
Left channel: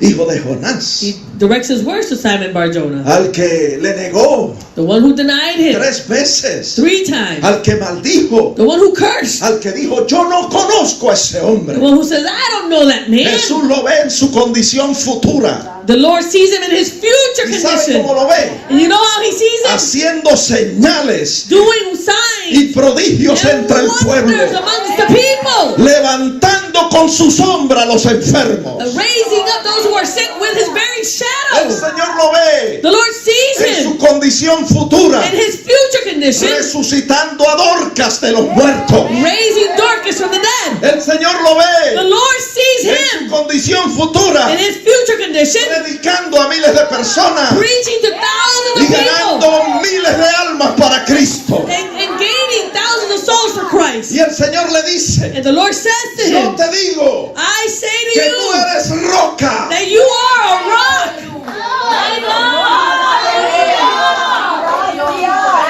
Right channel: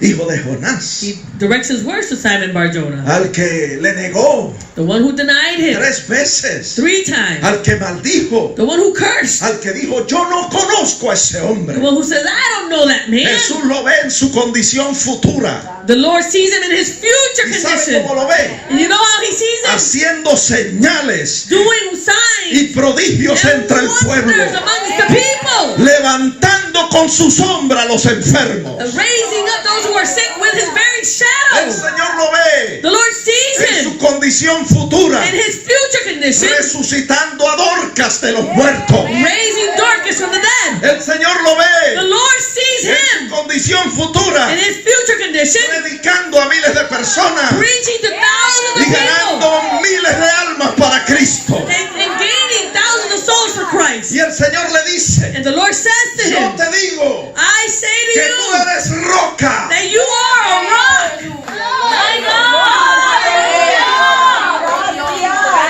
hijo de Jonás, He directs his words to Simon Bar-Jonah, al que le negó the one who denied him 3 veces, 3 times, al que maldijo, the one who cursed, al que dijo, yo no conozco a ese the hombre. one who says, I don't know that man. Jesús lo ve en su condición futura. The Lord sees him in his future ¿Y sabe condition. cómo lo ve? And you know how he sees him? Haciendo señales Doing y signs prodigios and entre el pueblo, wonders amongst the people. levantando con su sombra a los enfermos. Raising up those who are sick with his very El shadow. Señor lo ve The Lord sees en him su condición futura, in his future condition, resucitando a Dorcas de los muertos. raising Dorcas from the dead. El Señor lo The ve Lord sees en su him condición futura, in his future condition, predicando a miles de personas preaching to thousands y of ganando people miles de almas para Cristo. and gaining thousands of souls for Christ. Y el Señor le dice, And the Lord says to yo him, te digo I say to que tú you eres roca. that you are a rock.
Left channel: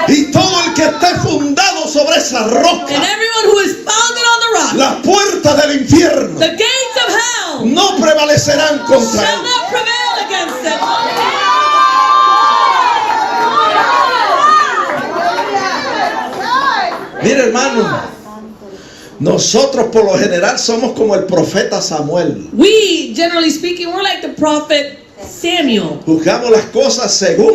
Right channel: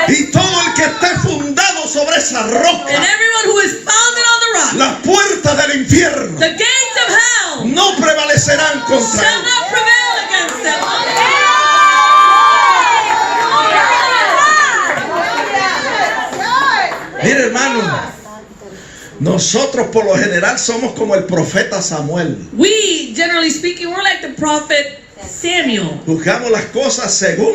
Y todo el que esté fundado sobre esa And roca, everyone who is founded on the rock, las puertas del infierno the gates of hell no prevalecerán contra shall él. not prevail against them. Mire, hermano, nosotros por lo general somos como el profeta Samuel. We, generally speaking, we're like the prophet Samuel. Juzgamos las cosas según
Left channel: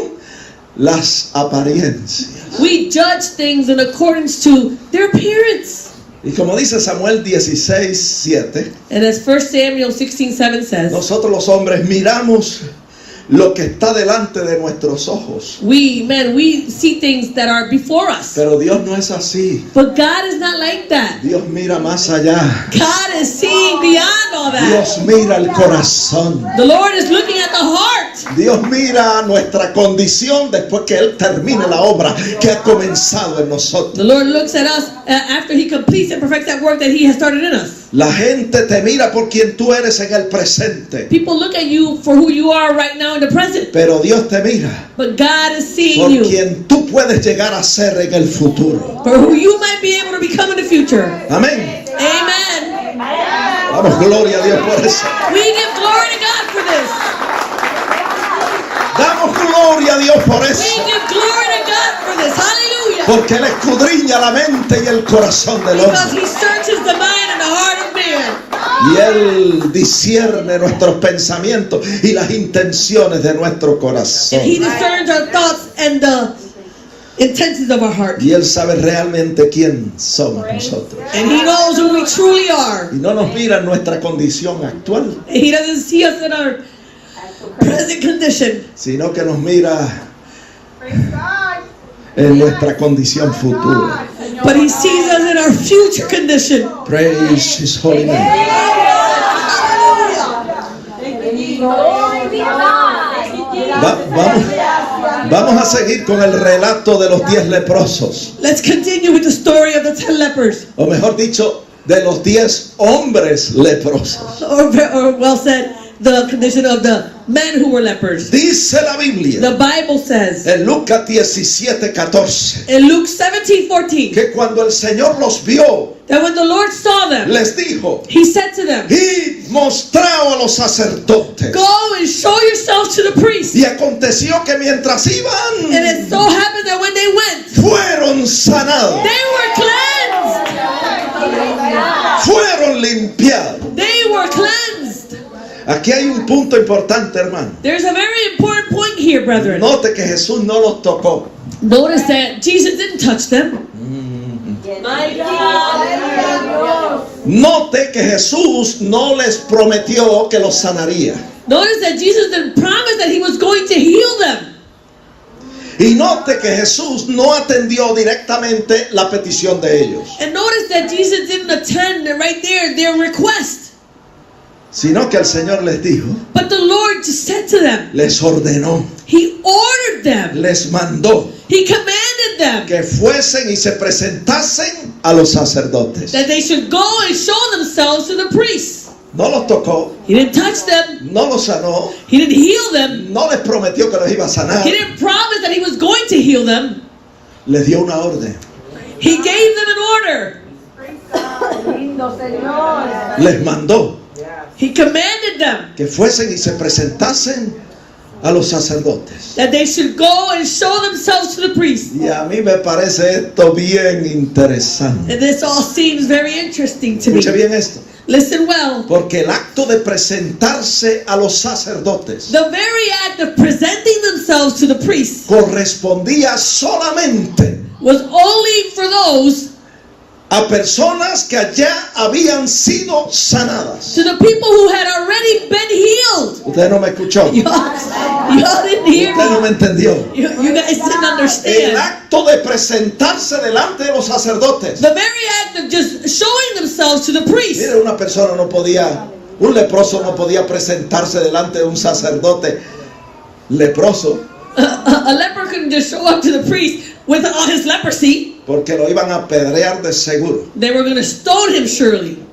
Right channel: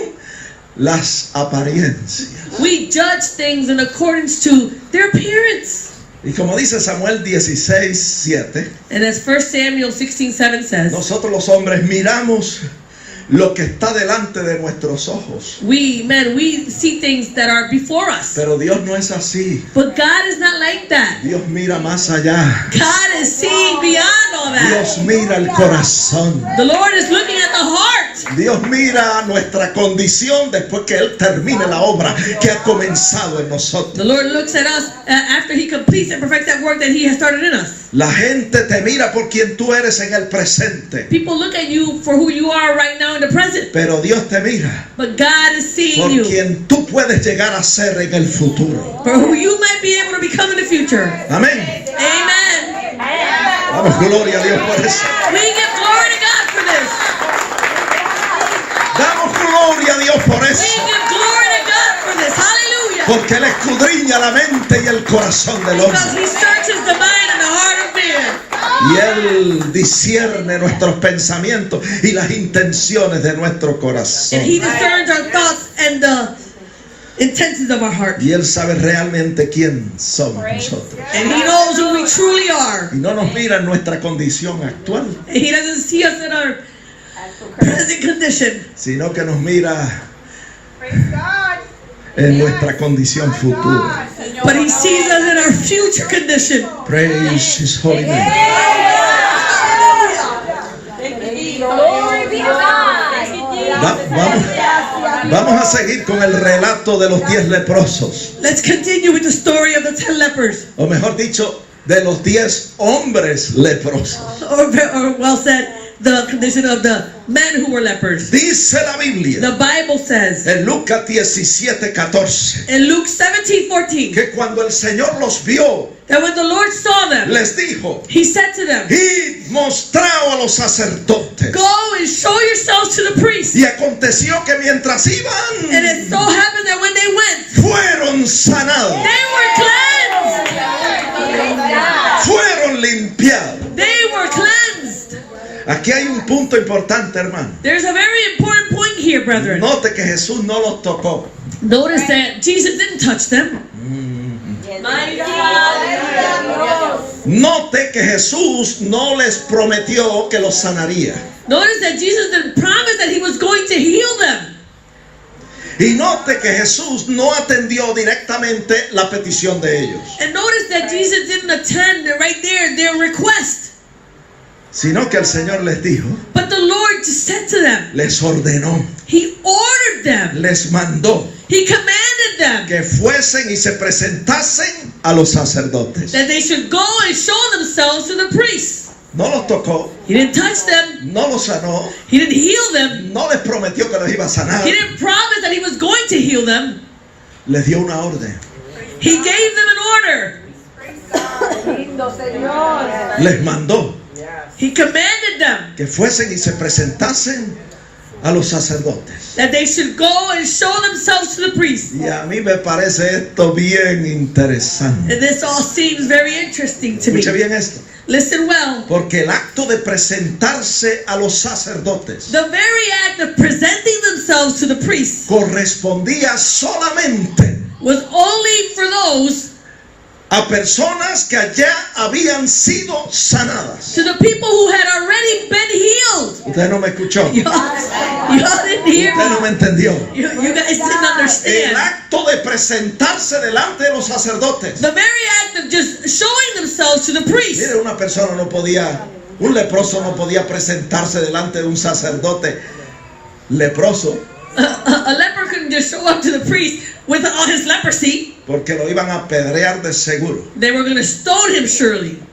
las apariencias. We judge things in accordance to their appearance. Y como dice Samuel 16:7, And as 1 Samuel 16:7 says, nosotros los hombres miramos lo que está delante de nuestros ojos. we see things that are before us. Pero Dios no es así. But God is not like that. Dios mira más allá. God is seeing beyond all that. Dios mira el corazón. The Lord is looking at the heart. Dios mira nuestra condición después que Él termine la obra que ha comenzado en nosotros. The Lord looks at us after He completes and perfects that work that He has started in us. La gente te mira por quien tú eres en el presente. People look at you for who you are right now in the present. Pero Dios te mira But God is seeing por you quien tú puedes llegar a ser en el futuro. for who you might be able to become in the future. Amén. Amen. Damos gloria a Dios por eso. We give glory to God for this. Damos gloria a Dios por We eso. give glory to God for this. Hallelujah. Porque Él escudriña la mente y el corazón del Because hombre. He searches the mind and the heart of man. Y Él discierne nuestros pensamientos y las intenciones de nuestro corazón. And He discerns our thoughts and the intentions of our heart. Y Él sabe realmente quién somos nosotros. And He knows who we truly are. Y no nos mira en nuestra condición actual, And He doesn't see us in our present condition, sino que nos mira en nuestra condición futura. but He sees us in our future condition. Praise His holy name. Vamos a seguir con el relato de los 10 leprosos. Let's continue with the story of the 10 lepers, O mejor dicho, de los 10 hombres leprosos. or well said, the condition of the men who were lepers. Dice la Biblia The Bible says en Lucas 17:14 in Luke 17:14 que cuando el Señor los vio, that when the Lord saw them, les dijo: He said to them, y mostrado a los sacerdotes. go and show yourselves to the priest. Y aconteció que mientras And iban, it so happened that when they went, fueron sanados, they were cleansed. fueron limpiados. They were cleansed. Aquí hay un punto importante, hermano. There's a very important point here, brethren. Note que Jesús no los tocó. Notice that Jesus didn't touch them. Note que Jesús no les prometió que los sanaría. Notice that Jesus didn't promise that He was going to heal them. Y note que Jesús no atendió directamente la petición de ellos, And notice that Jesus didn't attend right there their request. sino que el Señor les dijo, But the Lord just said to them, les ordenó, He ordered them, les mandó He commanded them que fuesen y se presentasen a los sacerdotes. that they should go and show themselves to the priests. No los tocó, He didn't touch them. no los sanó, He didn't heal them. no les prometió que los iba a sanar. He didn't promise that He was going to heal them. Les dio una orden. He gave them an order. les mandó He commanded them que fuesen y se presentasen a los sacerdotes. that they should go and show themselves to the priest. Y a mí me parece esto bien interesante. And this all seems very interesting to me. Escuche bien esto. Listen well. Porque el acto de presentarse a los sacerdotes The very act of presenting themselves to the priest correspondía solamente was only for those, a personas que allá habían sido sanadas. to the people who had already been healed. Usted no me escuchó. Y'all didn't hear Usted no me. me entendió. You guys didn't El understand. acto de presentarse delante de los sacerdotes. The very act of just showing themselves to the priest. Mire, una persona no podía, un leproso no podía presentarse delante de un sacerdote leproso A leper couldn't just show up to the priest with all his leprosy. porque lo iban a apedrear de seguro. They were going to stone him surely.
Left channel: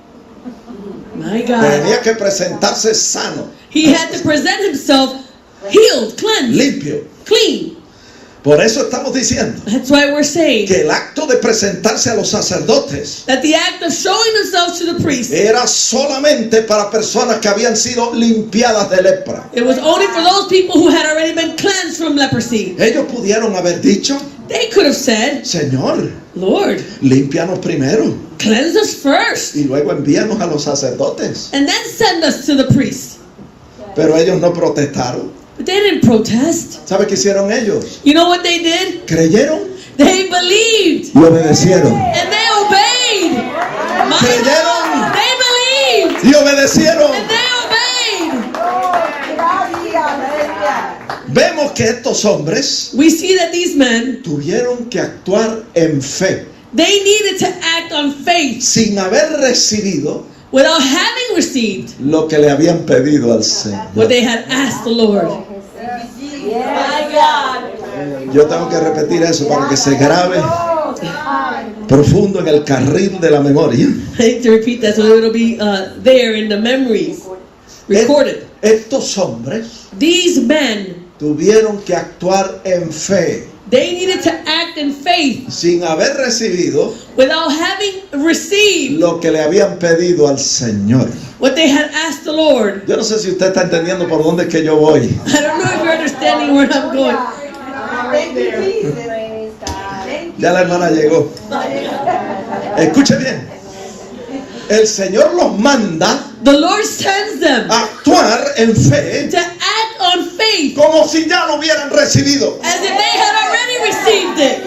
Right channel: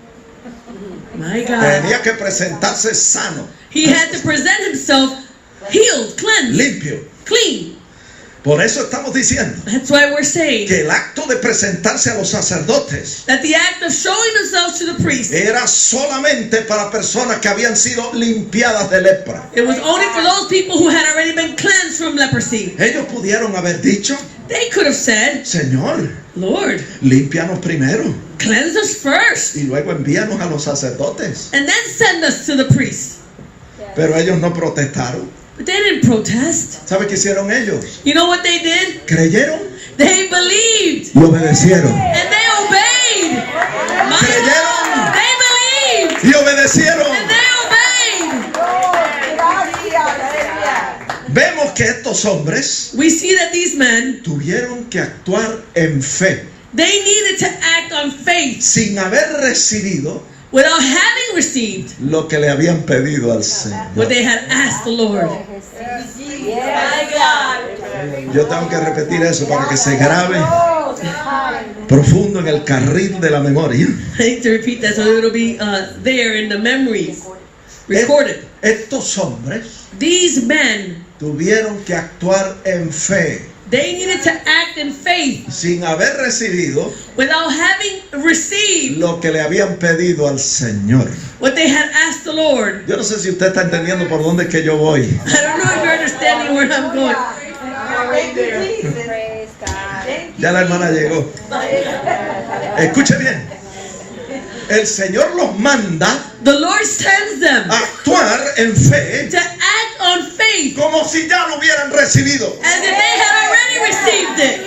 My God. Tenía que presentarse sano, He had to present himself healed, cleansed, limpio. clean. Por eso estamos diciendo That's why we're saying que el acto de presentarse a los sacerdotes that the act of showing themselves to the priest, era solamente para personas que habían sido limpiadas de lepra. it was only for those people who had already been cleansed from leprosy. Ellos pudieron haber dicho, They could have said, Señor, Lord, límpianos primero cleanse us first y luego envíanos a los sacerdotes. and then send us to the priest. Pero ellos no protestaron. But they didn't protest. ¿Sabe qué hicieron ellos? You know what they did? Creyeron They believed y obedecieron. and they obeyed. My Creyeron. God, they believed Y obedecieron. and they obeyed. Vemos que estos hombres We see that these men, tuvieron que actuar en fe, they needed to act on faith sin haber recibido without having received lo que le habían pedido al Señor. what they had asked the Lord. Yo tengo que repetir eso para que se grabe profundo en el carril de la memoria. I hate to repeat that, so it'll be there in the memories, recorded. Estos hombres These men, tuvieron que actuar en fe, they needed to act in faith sin haber recibido without having received lo que le habían pedido al Señor. what they had asked the Lord. Yo no sé si usted está entendiendo por dónde es que yo voy. I don't know if you're understanding where I'm going. Ya la hermana llegó. Escuche bien. El Señor los manda The Lord sends them a actuar en fe to act on faith como si ya lo hubieran recibido. as if they had already received it.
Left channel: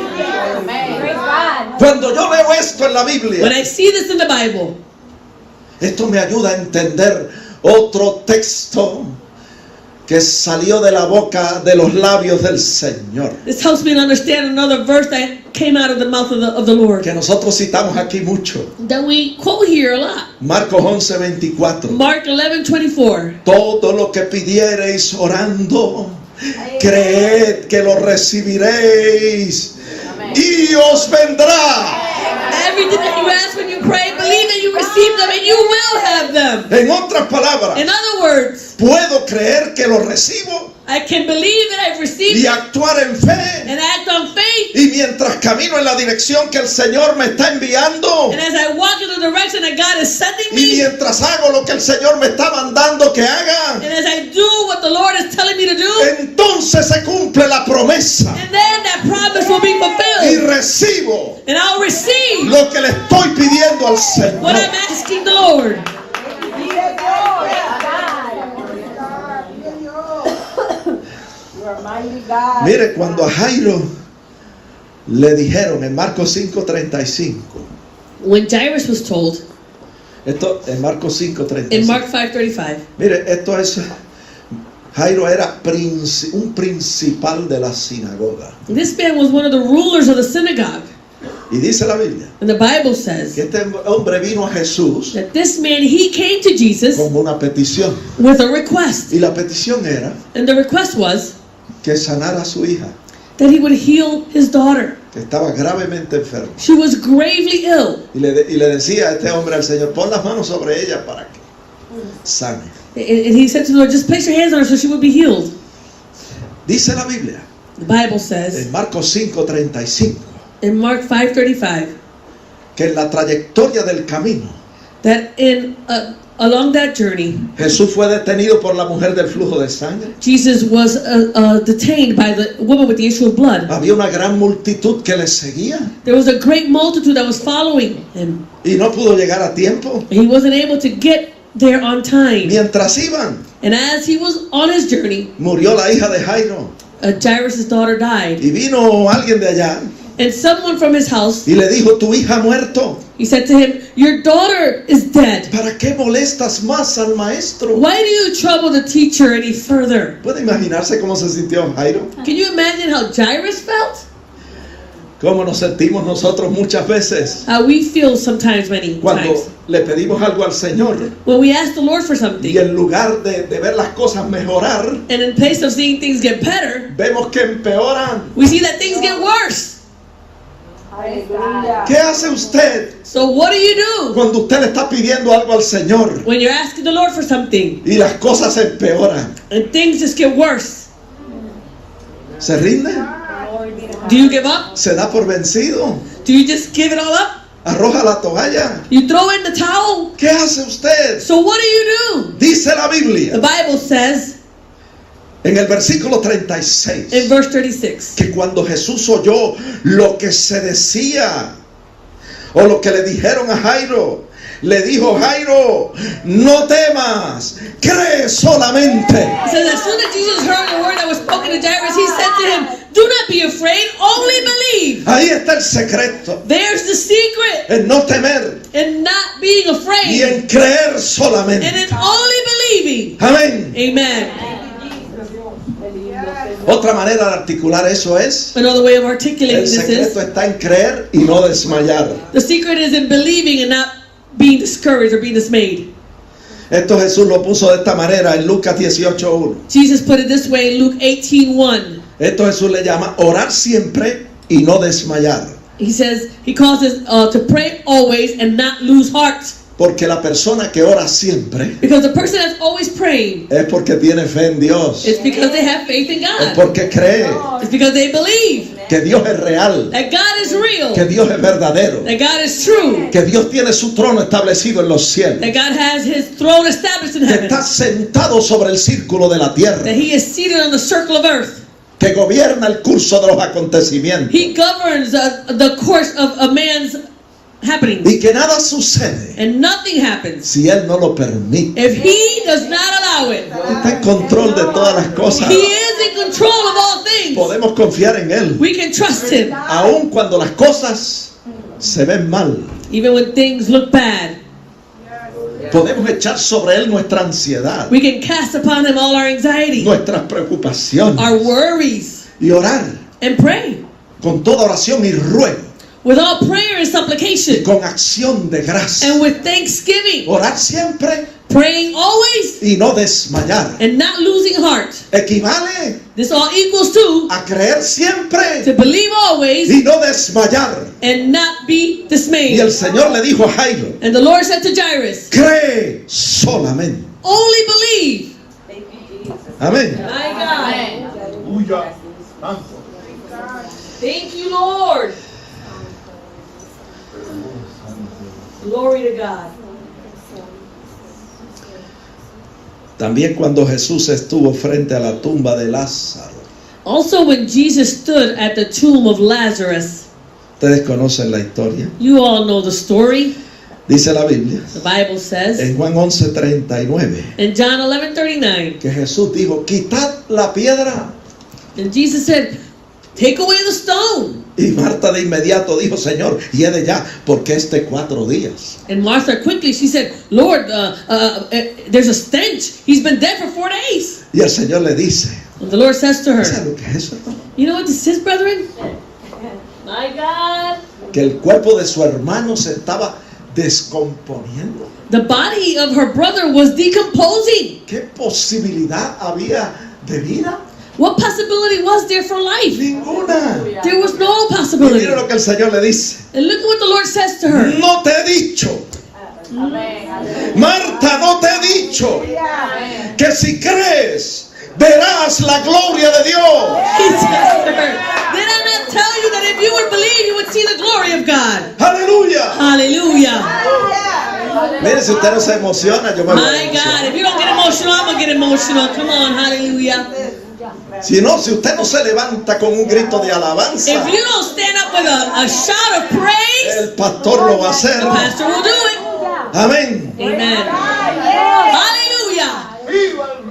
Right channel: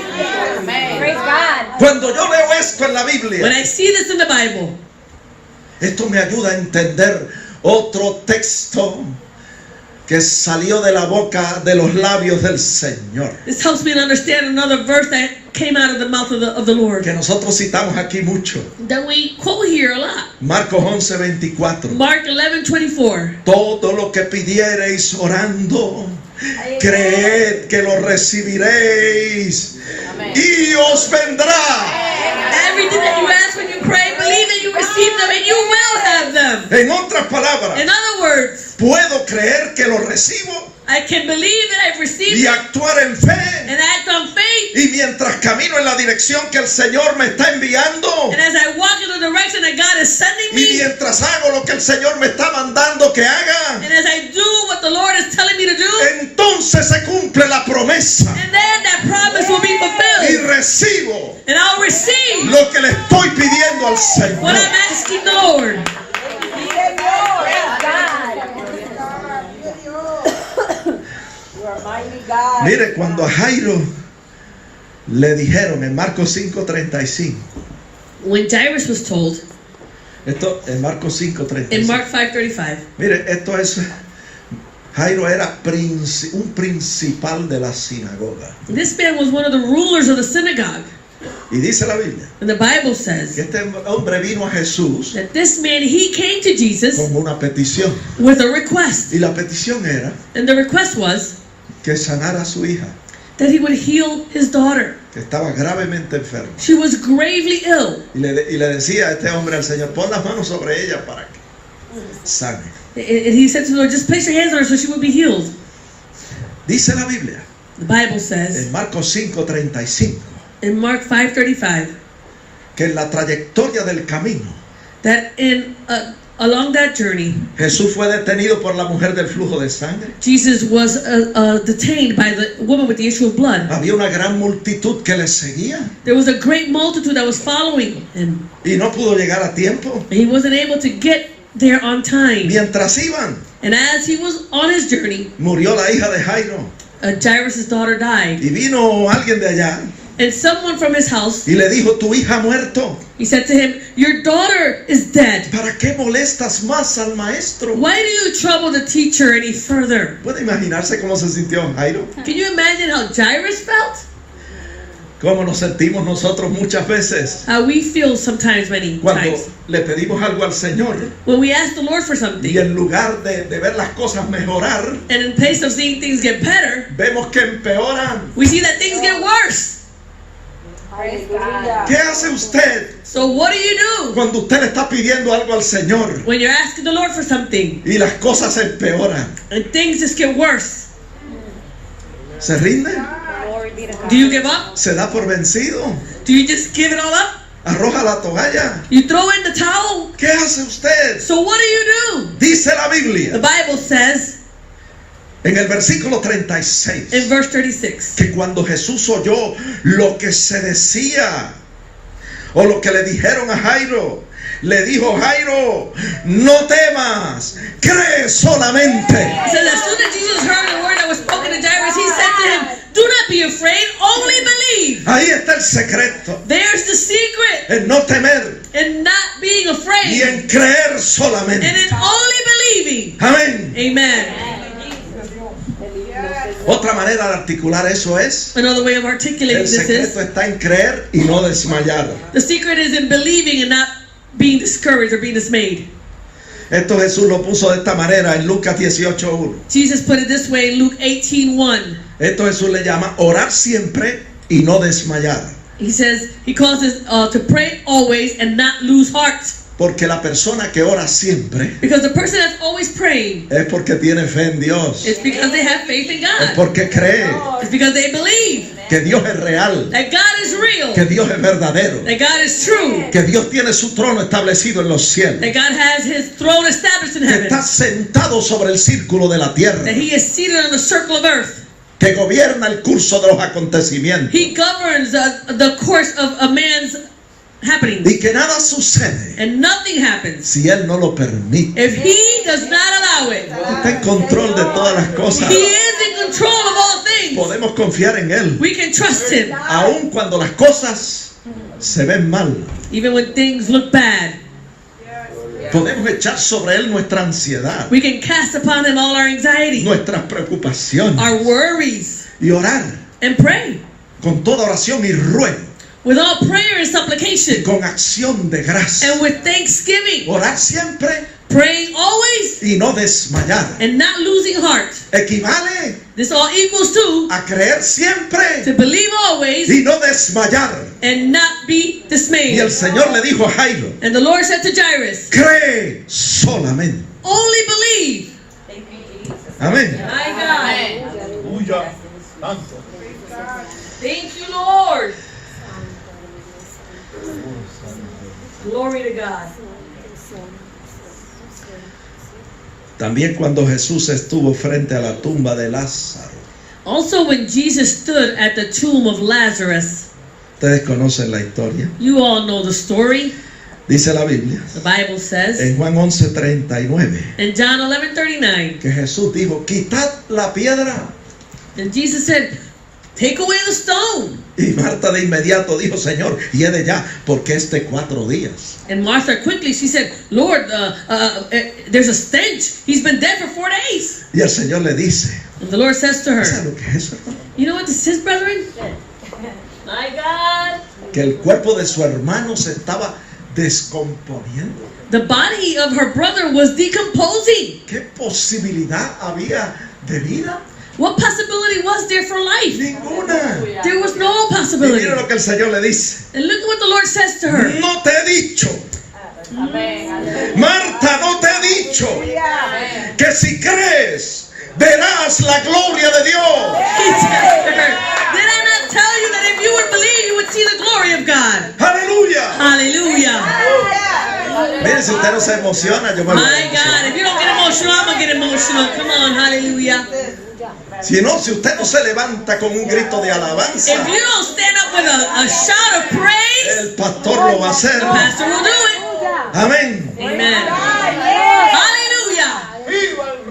Praise God. Cuando yo leo esto en la When Biblia, I see this in the Bible, esto me ayuda a entender otro texto que salió de la boca de los labios del Señor, this helps me to understand another verse that came out of the mouth of the Lord que nosotros citamos aquí mucho. that we quote here a lot. Marcos 11:24. Mark 11:24. Todo lo que pidiereis orando, creed que lo recibiréis y os vendrá. Everything that you ask when you pray, believe that you receive them and you will have them. En otras palabras, In other words, puedo creer que lo recibo I can believe that I've received y it actuar en fe. and act on faith. Y mientras camino en la dirección que el Señor me está enviando, And as I walk in the direction that God is sending y me, mientras hago lo que el Señor me está mandando que haga, and as I do what the Lord is telling me to do, entonces se cumple la promesa and then that promise will be y fulfilled. recibo And I'll receive lo que le estoy pidiendo al what Señor. I'm asking the Lord. Mire, cuando a Jairo le dijeron en Marcos 5:35, When Jairus was told esto en Marcos 5:35, in Mark 5:35, mire, esto es, Jairo era un principal de la sinagoga. this man was one of the rulers of the synagogue. Y dice la Biblia And the Bible says que este hombre vino a Jesús that this man, he came to Jesus como una petición. with a request. Y la petición era And the request was que sanara a su hija, that he would heal his daughter. que estaba gravemente enferma. She was gravely ill. Y le decía a este hombre al Señor, pon las manos sobre ella para que sane. And he said to the Lord, just place your hands on her so she would be healed. Dice la Biblia The Bible says en Marcos 5:35 in Mark 5:35 que en la trayectoria del camino that along that journey, Jesús fue detenido por la mujer del flujo de sangre. Jesus was detained by the woman with the issue of blood. Había una gran multitud que le seguía There was a great multitude that was following him. y no pudo llegar a tiempo. He wasn't able to get there on time. Mientras iban, And as he was on his journey, murió la hija de Jairo Jairus' daughter died. y vino alguien de allá And someone from his house, y le dijo, tu hija ha muerto. he said to him, your daughter is dead. ¿Para qué molestas más al maestro? Why do you trouble the teacher any further? ¿Puede imaginarse cómo se sintió Jairo? Can you imagine how Jairus felt? ¿Cómo nos sentimos nosotros muchas veces How we feel sometimes, many cuando times, le pedimos algo al Señor when we ask the Lord for y something, en lugar de ver las cosas mejorar, and in place of seeing things get better, vemos que empeoran? we see that things get worse. ¿Qué hace usted So what do you do cuando usted le está pidiendo algo al Señor when you're asking the Lord for something y las cosas empeoran? and things just get worse? ¿Se rinde? Do you give up? ¿Se da por vencido? Do you just give it all up? ¿Arroja la toalla? You throw in the towel? ¿Qué hace usted? So what do you do? Dice la The Biblia Bible says en el versículo 36 in verse 36 que cuando Jesús oyó lo que se decía o lo que le dijeron a Jairo, le dijo, Jairo, no temas, cree solamente. It says as soon as Jesus heard the word that was spoken to Jairus, he said to him, do not be afraid, only believe. Ahí está el secreto, There's the secret en no temer in not being y afraid en creer and solamente. in only believing. Amén. Amen. Otra manera de articular eso es, Another way of articulating el this secreto is está en creer y no desmayar. the secret is in believing and not being discouraged or being dismayed. Esto Jesús lo puso de esta manera en Lucas 18:1. Jesus put it this way in Luke 18:1. Esto Jesús le llama orar siempre y no desmayar. He says, he calls this to pray always and not lose heart. Porque la persona que ora siempre Because the person that's always praying es porque tiene fe en Dios. is because they have faith in Es God. porque cree It's because they believe que Dios es real, that God is real, que Dios es verdadero, that God is true, que Dios tiene su trono establecido en los cielos, that God has his throne established in que heaven, está sentado sobre el círculo de la tierra, that he is seated on the circle of earth. que gobierna el curso de los acontecimientos He governs the course of a man's happenings. y que nada sucede And nothing happens si Él no lo permite. if he does not allow it. Está en control de todas las cosas. He is in control of all things. Podemos confiar en Él, We can trust him aun cuando las cosas se ven mal. even when things look bad. Podemos echar sobre Él nuestra ansiedad, We can cast upon him all our anxiety, nuestras preocupaciones our worries, y orar and pray con toda oración y ruego with all prayer and y supplication con acción de gracia. and with thanksgiving, Orar siempre praying always y no desmayar. and not losing heart. Equivale This all equals to a creer siempre believe always y no desmayar. and not be Y dismayed. el Señor le dijo a Jairo, And the Lord said to Jairus, cree solamente. only believe. Amén. My God. Aleluya. Santo. Thank you, Lord. Glory to God. También cuando Jesús estuvo frente a la tumba de Lázaro. Also, when Jesus stood at the tomb of Lazarus, Ustedes conocen la historia. you all know the story. Dice la Biblia The Bible says en Juan 11:39 in John 11:39, que Jesús dijo, quitad la piedra. and Jesus said, take away the stone. Y Marta de inmediato dijo, Señor, hiede ya, porque es de 4 días. And Martha quickly, she said, Lord, there's a stench. He's been dead for 4 days. Y el Señor le dice, And the Lord says to her, ¿sabes lo que es eso, hermano? you know what this is, brethren? My God. Que el cuerpo de su hermano se estaba descomponiendo. The body of her brother was decomposing. ¿Qué posibilidad había de vida? What possibility was there for life? Ninguna. There was no Y possibility. mira lo que el Señor le dice. And look what the Lord says to her. No te he dicho, Marta, no te he dicho que si crees verás la gloria de Dios. He says to her, did I not tell you that if you would believe, you would see the glory of God? Aleluya. Hallelujah. Vea si usted no se emociona, yo me voy a My emocionar. God, if you don't get emotional, I'm gonna get emotional. Come on, hallelujah. Si no, si usted no se levanta con un grito de alabanza, If you don't stand up with a shout of praise, el pastor lo va a hacer. the pastor will do it. Amén. Amen. Hallelujah.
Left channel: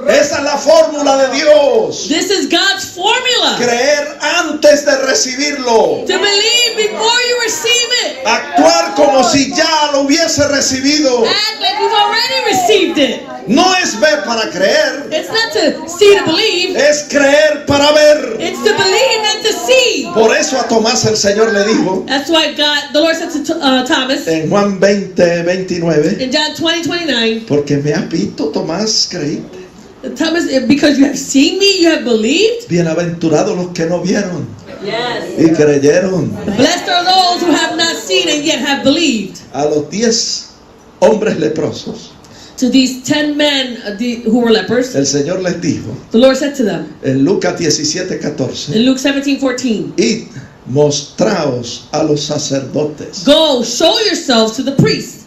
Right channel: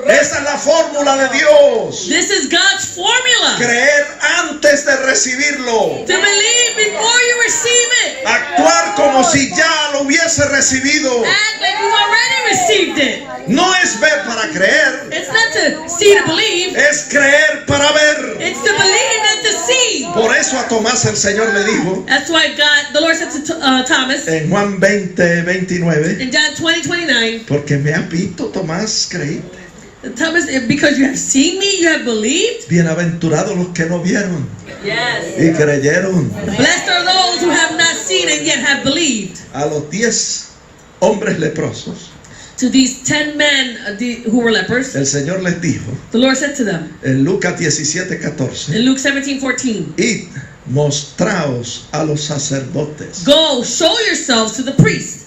Esa es la fórmula de Dios. This is God's formula. Creer antes de recibirlo. To believe before you receive it. Actuar como si ya lo hubiese recibido. Act like you've already received it. No es ver para creer, It's not to see to believe. es creer para ver. It's to believe and to see. Por eso a Tomás el Señor le dijo That's why the Lord said to Thomas en Juan 20:29, in John 20:29, porque me has visto, Tomás, creíste. Thomas, because you have seen me, you have believed. Bienaventurados los que no vieron Yes. y creyeron. Blessed are those who have not seen and yet have believed. A los 10 hombres leprosos, To these 10 men who were lepers, el Señor les dijo the Lord said to them en Lucas 17:14, in Luke 17:14, id, mostraos a los sacerdotes. go, show yourselves to the priests.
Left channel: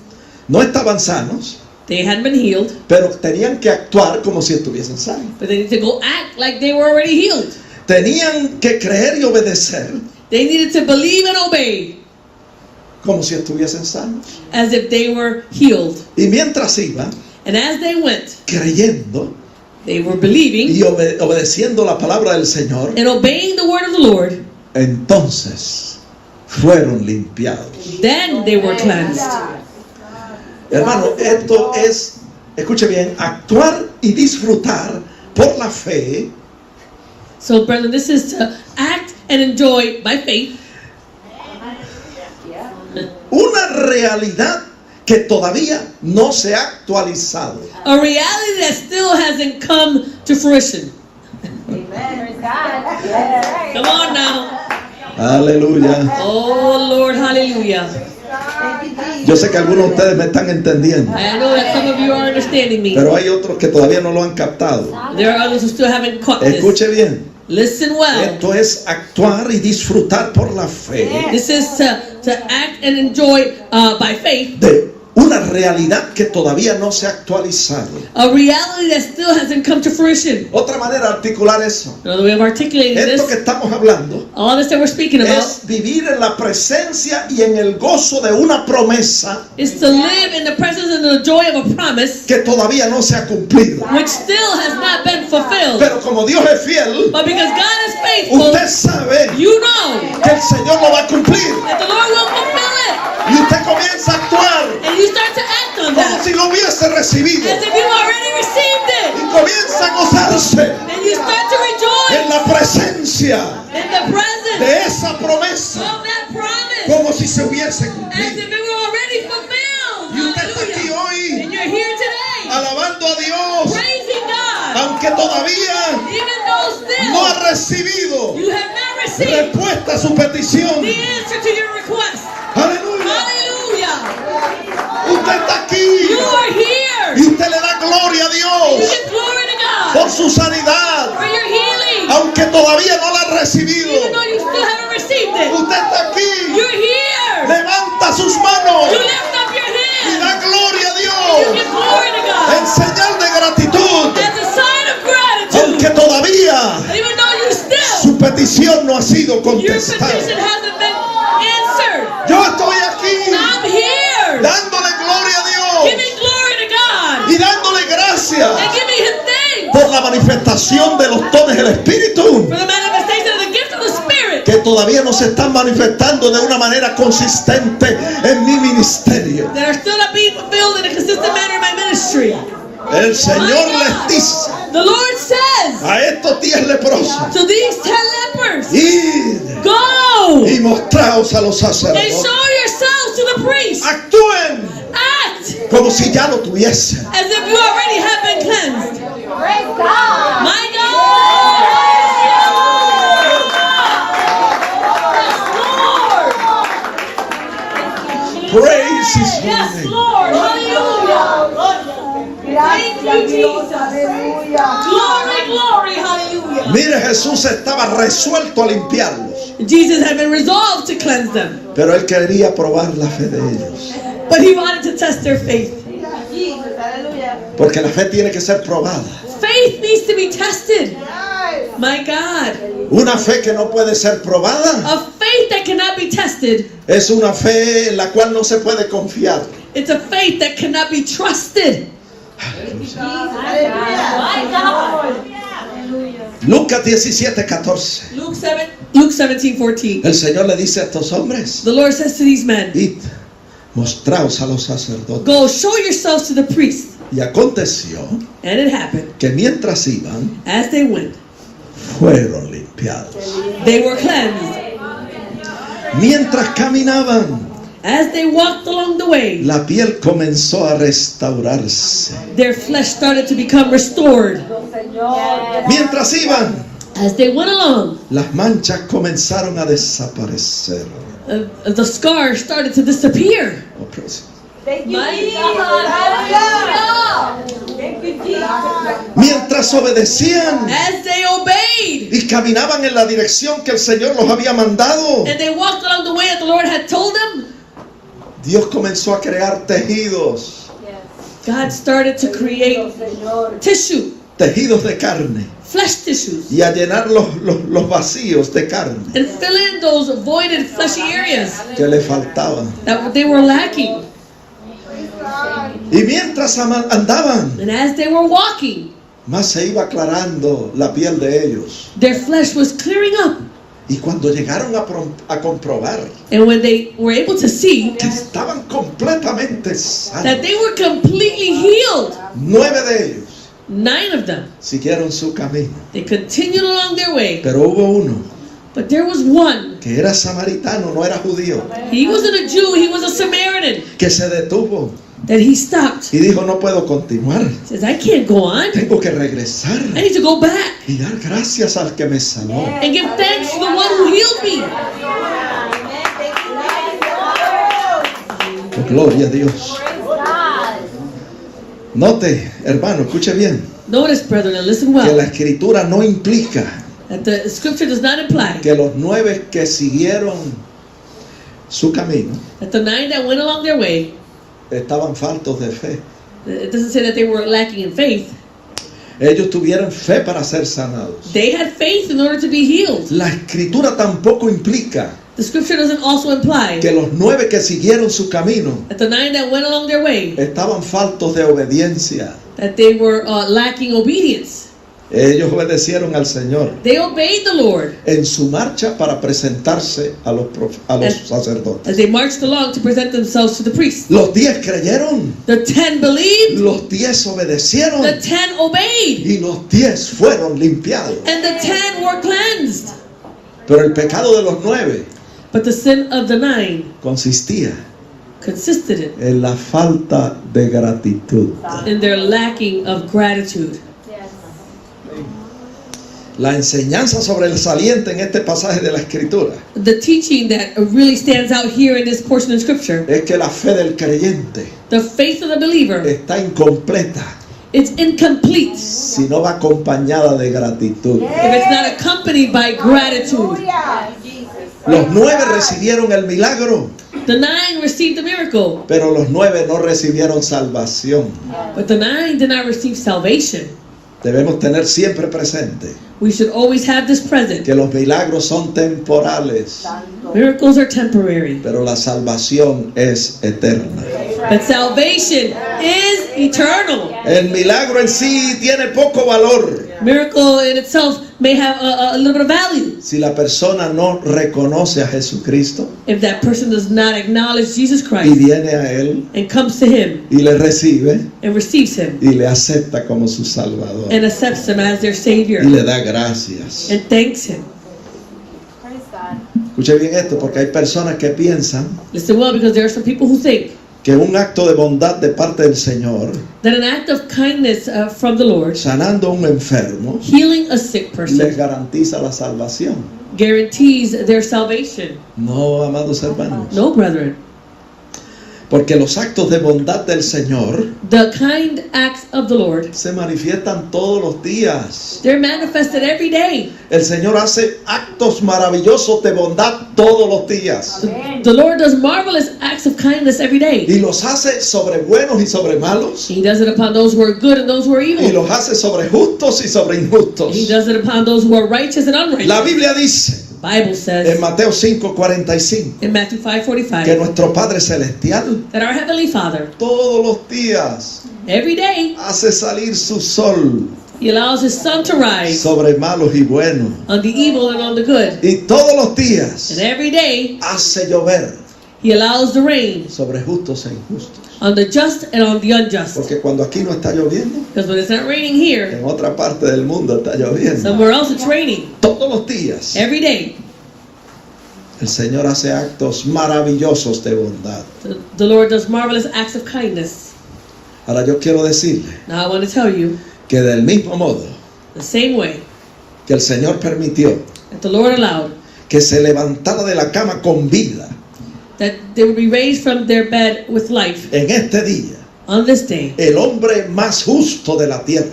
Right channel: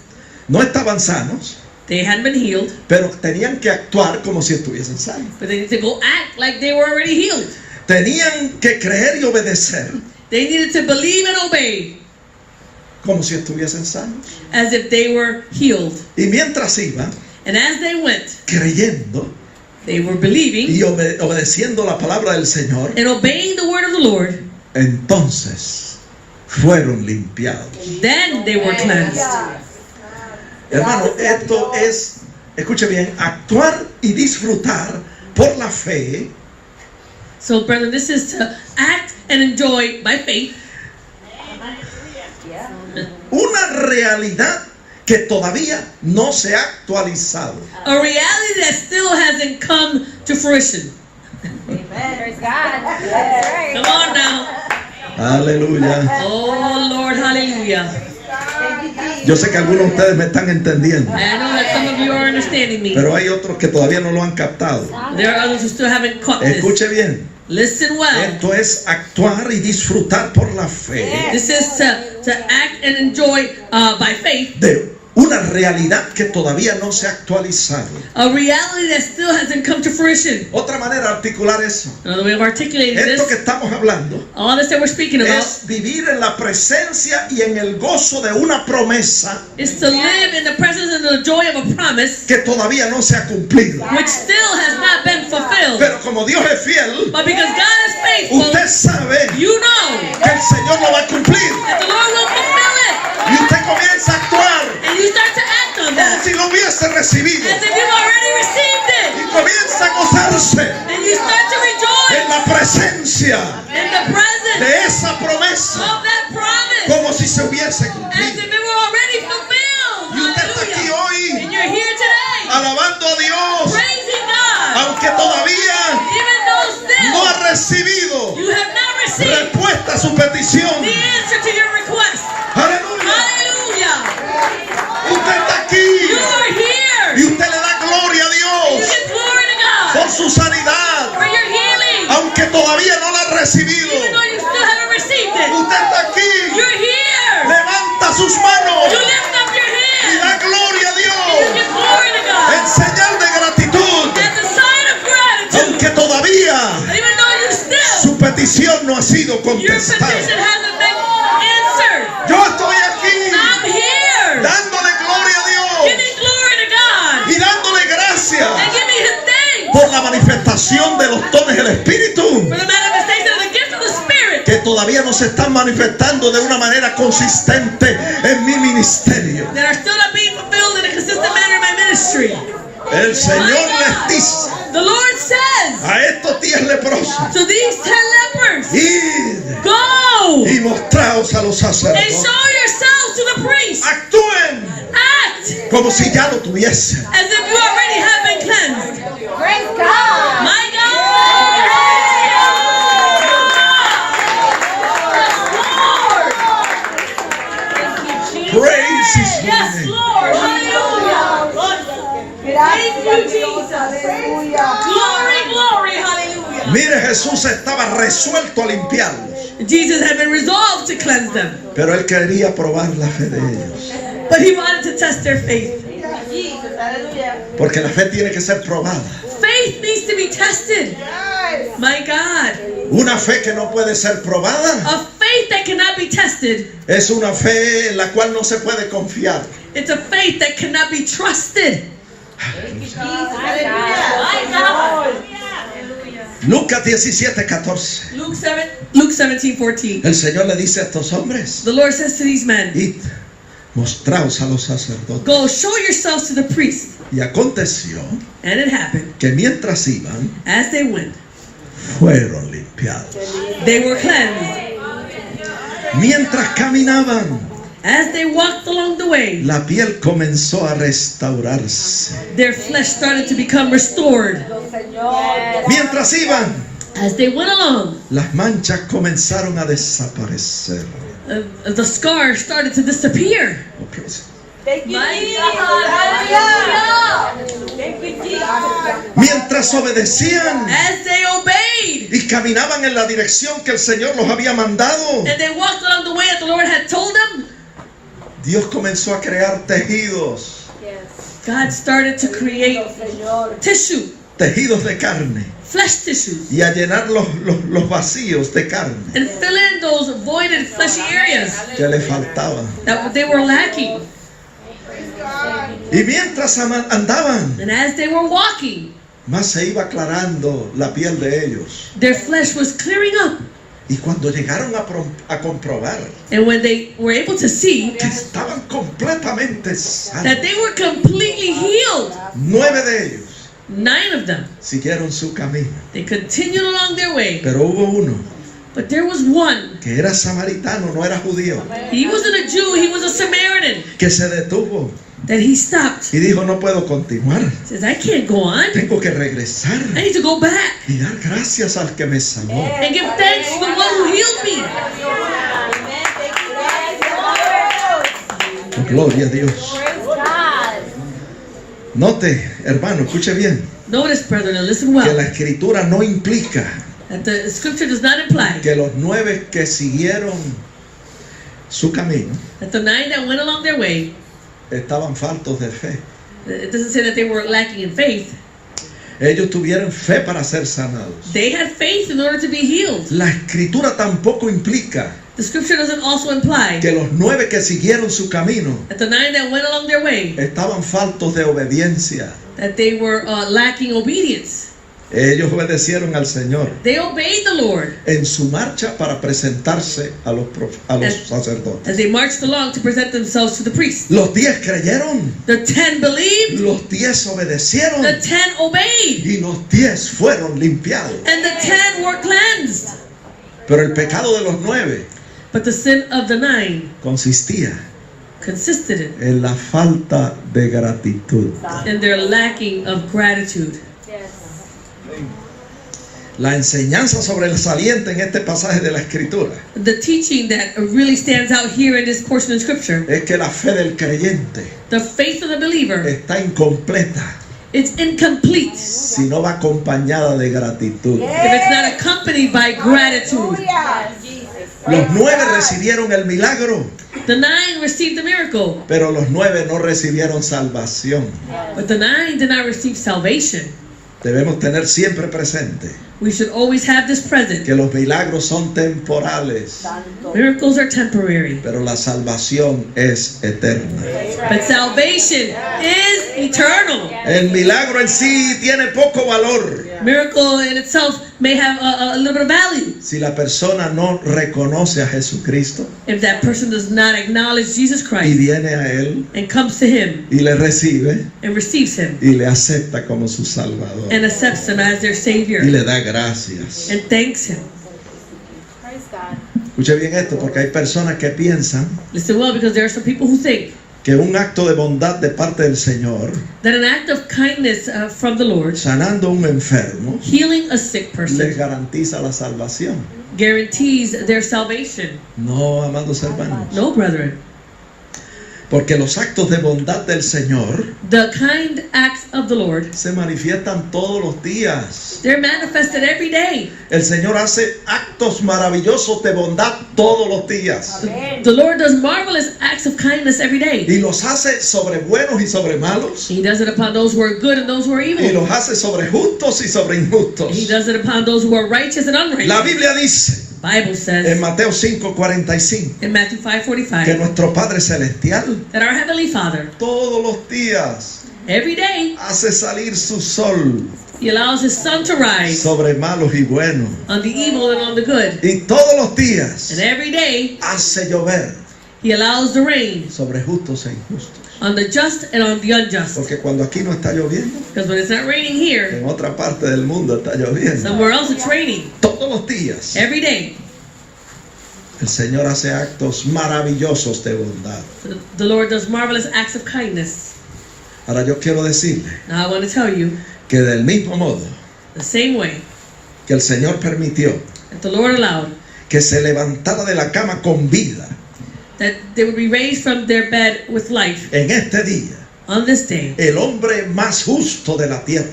No estaban sanos, They hadn't been healed, pero tenían que actuar como si estuviesen sanos. but they need to go act like they were already healed. Tenían que creer y obedecer They needed to believe and obey como si estuviesen sanos. as if they were healed. Y mientras iban And as they went, creyendo they were believing y obedeciendo la palabra del Señor, and obeying the word of the Lord. entonces fueron limpiados. Then they were cleansed. Hermano, esto es, escuche bien, actuar y disfrutar por la fe So, brethren, this is to act and enjoy by faith una realidad que todavía no se ha actualizado. a reality that still hasn't come to fruition. Praise God. That's right. Come on now. Aleluya. Oh, Lord, hallelujah. Yo sé que algunos de ustedes me están entendiendo, I know that some of you are understanding me. pero hay otros que todavía no lo han captado. There are others who still haven't caught this. Escuche bien, Listen well. esto es actuar y disfrutar por la fe This is to act and enjoy by faith de una realidad que todavía no se ha actualizado. a reality that still hasn't come to fruition. Otra manera de articular eso, We have articulated esto que this. estamos hablando, All this that we're speaking about es vivir en la presencia y en el gozo de una promesa is to live in the presence and the joy of a promise que todavía no se ha cumplido. which still has not been fulfilled. Pero como Dios es fiel, But because God is faithful, usted sabe you know que el Señor lo va a cumplir. that the Lord will fulfill it. Y usted comienza a actuar And you start to act on como that si lo hubiese recibido. as if you already received Y it. comienza a gozarse And you start to en rejoice la presencia in the presence de esa promesa of that promise como si se hubiese as if cumplido. it were already fulfilled. Y usted está aquí Hallelujah. hoy And you're here today alabando a Dios, praising God aunque todavía even though still no ha recibido you have not received respuesta a su petición. the answer to your request. Aleluya. Hallelujah. Usted está You aquí are here. y usted le da gloria a You Dios give glory to por God su sanidad, for your healing aunque todavía no la ha recibido. even though you still haven't received it. Usted está aquí, You're here. levanta sus manos You lift up your y hand. da gloria a You Dios give glory to God en señal de gratitud, as a sign of gratitude. aunque todavía Even though you still, su petición no ha sido your petition contestada. hasn't been answered. Yo estoy aquí I'm here. dándole gloria a Dios Giving glory to God. y dándole gracias And giving Him thanks por la manifestación de los dones del Espíritu for the manifestation of the gift of the Spirit que todavía no se están manifestando de una manera consistente en mi ministerio. that are still not being fulfilled in a consistent manner in my ministry. El Señor My les God. dice The Lord says a estos 10 leprosos, to these 10 lepers, id go y mostraos a los and sacerdotes. show yourselves to the priest. Actúen Act como si ya lo tuviesen. as if you already have been cleansed. Praise God. My God! Yes, Lord! Praise His Yes, name. Lord! Hallelujah! Thank you, Jesus! Glory, glory, hallelujah! Mire, Jesús estaba resuelto a limpiarlos, Jesus had been resolved to cleanse them, pero Él quería probar la fe de ellos. but He wanted to test their faith. Porque la fe tiene que ser probada. Faith needs to be tested. My God. Una fe que no puede ser probada A faith that cannot be tested. es una fe en la cual no se puede confiar. It's a faith that cannot be trusted. Lucas 17:14. Luke 17:14. El Señor le dice a estos hombres: The Lord says to these men, id, mostraos a los sacerdotes. go show yourselves to the priest. Y aconteció And it happened, que mientras iban, as they went, fueron limpiados. they were cleansed. Mientras caminaban, As they walked along the way, la piel comenzó a restaurarse. their flesh started to become restored. Mientras iban, As they went along, las manchas comenzaron a desaparecer. the scars started to disappear. Oh, praise. Mientras obedecían As they obeyed, y caminaban en la dirección que el Señor los había mandado, and they walked along the way that the Lord had told them, Dios comenzó a crear tejidos, God started to create tissue, tejidos de carne, flesh tissues, y a llenar los vacíos de carne and fill in those voided fleshy areas que le faltaban. that they were lacking. Y mientras andaban, And as they were walking, más se iba aclarando la piel de ellos. their flesh was clearing up. Y cuando llegaron a comprobar And when they were able to see que estaban completamente that sanos, they were completely healed, 9 de ellos 9 of them, siguieron su camino. they continued along their way. Pero hubo uno But there was one. que era samaritano, no era judío, He wasn't a Jew, he was a Samaritan. que se detuvo That he stopped. y dijo: no puedo continuar, Says, I can't go on. tengo que regresar I need to go back y dar gracias al que me sanó. and give thanks to the one who healed me. Gloria a Dios. Note, hermano, escuche bien, Notice, brethren, and listen que la well, escritura no implica that the scripture does not imply que los 9 que siguieron su camino that the 9 that went along their way, estaban faltos de fe. it doesn't say that they were lacking in faith. Ellos tuvieron fe para ser sanados. They had faith in order to be healed. La escritura tampoco implica The scripture doesn't also imply que los 9 que siguieron su camino that the 9 that went along their way, estaban faltos de obediencia. that they were lacking obedience. Ellos obedecieron al Señor They obeyed the Lord en su marcha para presentarse a los sacerdotes. as they marched along to present themselves to the priest. Los 10 creyeron, The 10 believed, los 10 obedecieron the 10 obeyed, y los 10 fueron limpiados. and the 10 were cleansed. Pero el pecado de los 9 But the sin of the 9 consistía consisted en la falta de gratitud. in their lacking of gratitude. La enseñanza sobresaliente en este pasaje de la Escritura The teaching that really stands out here in this portion of scripture, es que la fe del creyente the faith of the believer, está incompleta it's incomplete si no va acompañada de gratitud. if it's not accompanied by gratitude. Los 9 recibieron el milagro, The 9 received the miracle, pero los 9 no recibieron salvación. but the 9 did not receive salvation. Debemos tener siempre presente We should always have this present. que los milagros son temporales, Miracles are temporary, pero la salvación es eterna. but salvation is eternal. El milagro en sí tiene poco valor Miracle in itself may have a little bit of value si la persona no reconoce a Jesucristo if that person does not acknowledge Jesus y Christ viene a Él and comes to Him y le recibe and receives Him y le acepta como su Salvador and accepts Him as their Savior y le da gracias. and thanks Him. Praise God. Escuche bien esto, porque hay personas que piensan Listen well, because there are some people who think que un acto de bondad de parte del Señor, that an act of kindness from the Lord, sanando a un enfermo, healing a sick les person, garantiza la salvación. guarantees their salvation. No, amados hermanos. No, brethren. Porque los actos de bondad del Señor The kind acts of the Lord, se manifiestan todos los días. they're manifested every day. El Señor hace actos maravillosos de bondad todos los días. The Lord does marvelous acts of kindness every day. Y los hace sobre buenos y sobre malos. He does it upon those who are good and those who are Y evil. los hace sobre justos y sobre injustos. He does it upon those who are righteous and unrighteous. La Biblia dice Bible en says Mateo 5:45 in Matthew que 5:45 nuestro Padre Celestial that our Heavenly Father, todos los días every day, hace salir su sol He allows His sun to rise sobre malos y buenos. on the evil and on the good. Y todos los días And every day, hace llover He allows the rain sobre justos e injustos. on the just and on the unjust. Porque cuando aquí no está lloviendo, Because when it's not raining here, en otra parte del mundo está lloviendo. somewhere else it's raining. Todos los días Every day, el Señor hace actos maravillosos de bondad. the Lord does marvelous acts of kindness. Ahora yo quiero decirle Now I want to tell you, que del mismo modo the same way que el Señor permitió that the Lord allowed que se levantara de la cama con vida that they would be raised from their bed with life en este día, on this day, el hombre más justo de la tierra,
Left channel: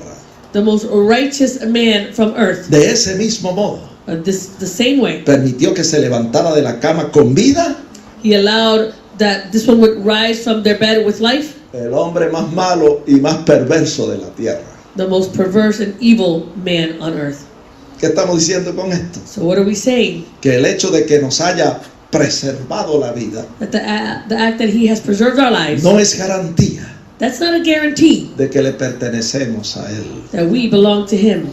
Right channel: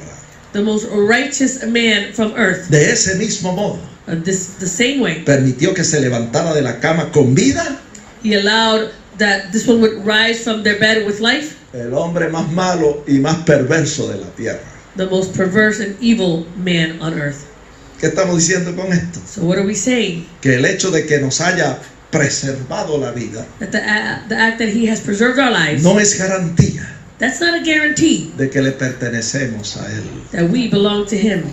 the most righteous man from earth, de ese mismo modo, the same way, permitió que se levantara de la cama con vida He allowed that this one would rise from their bed with life, el hombre más malo y más perverso de la tierra. the most perverse and evil man on earth. ¿Qué estamos diciendo con esto? So what are we saying? Que el hecho de que nos haya preservado la vida That the act that He has preserved our lives, no es garantía that's not a guarantee de que le pertenecemos a Él. that we belong to Him.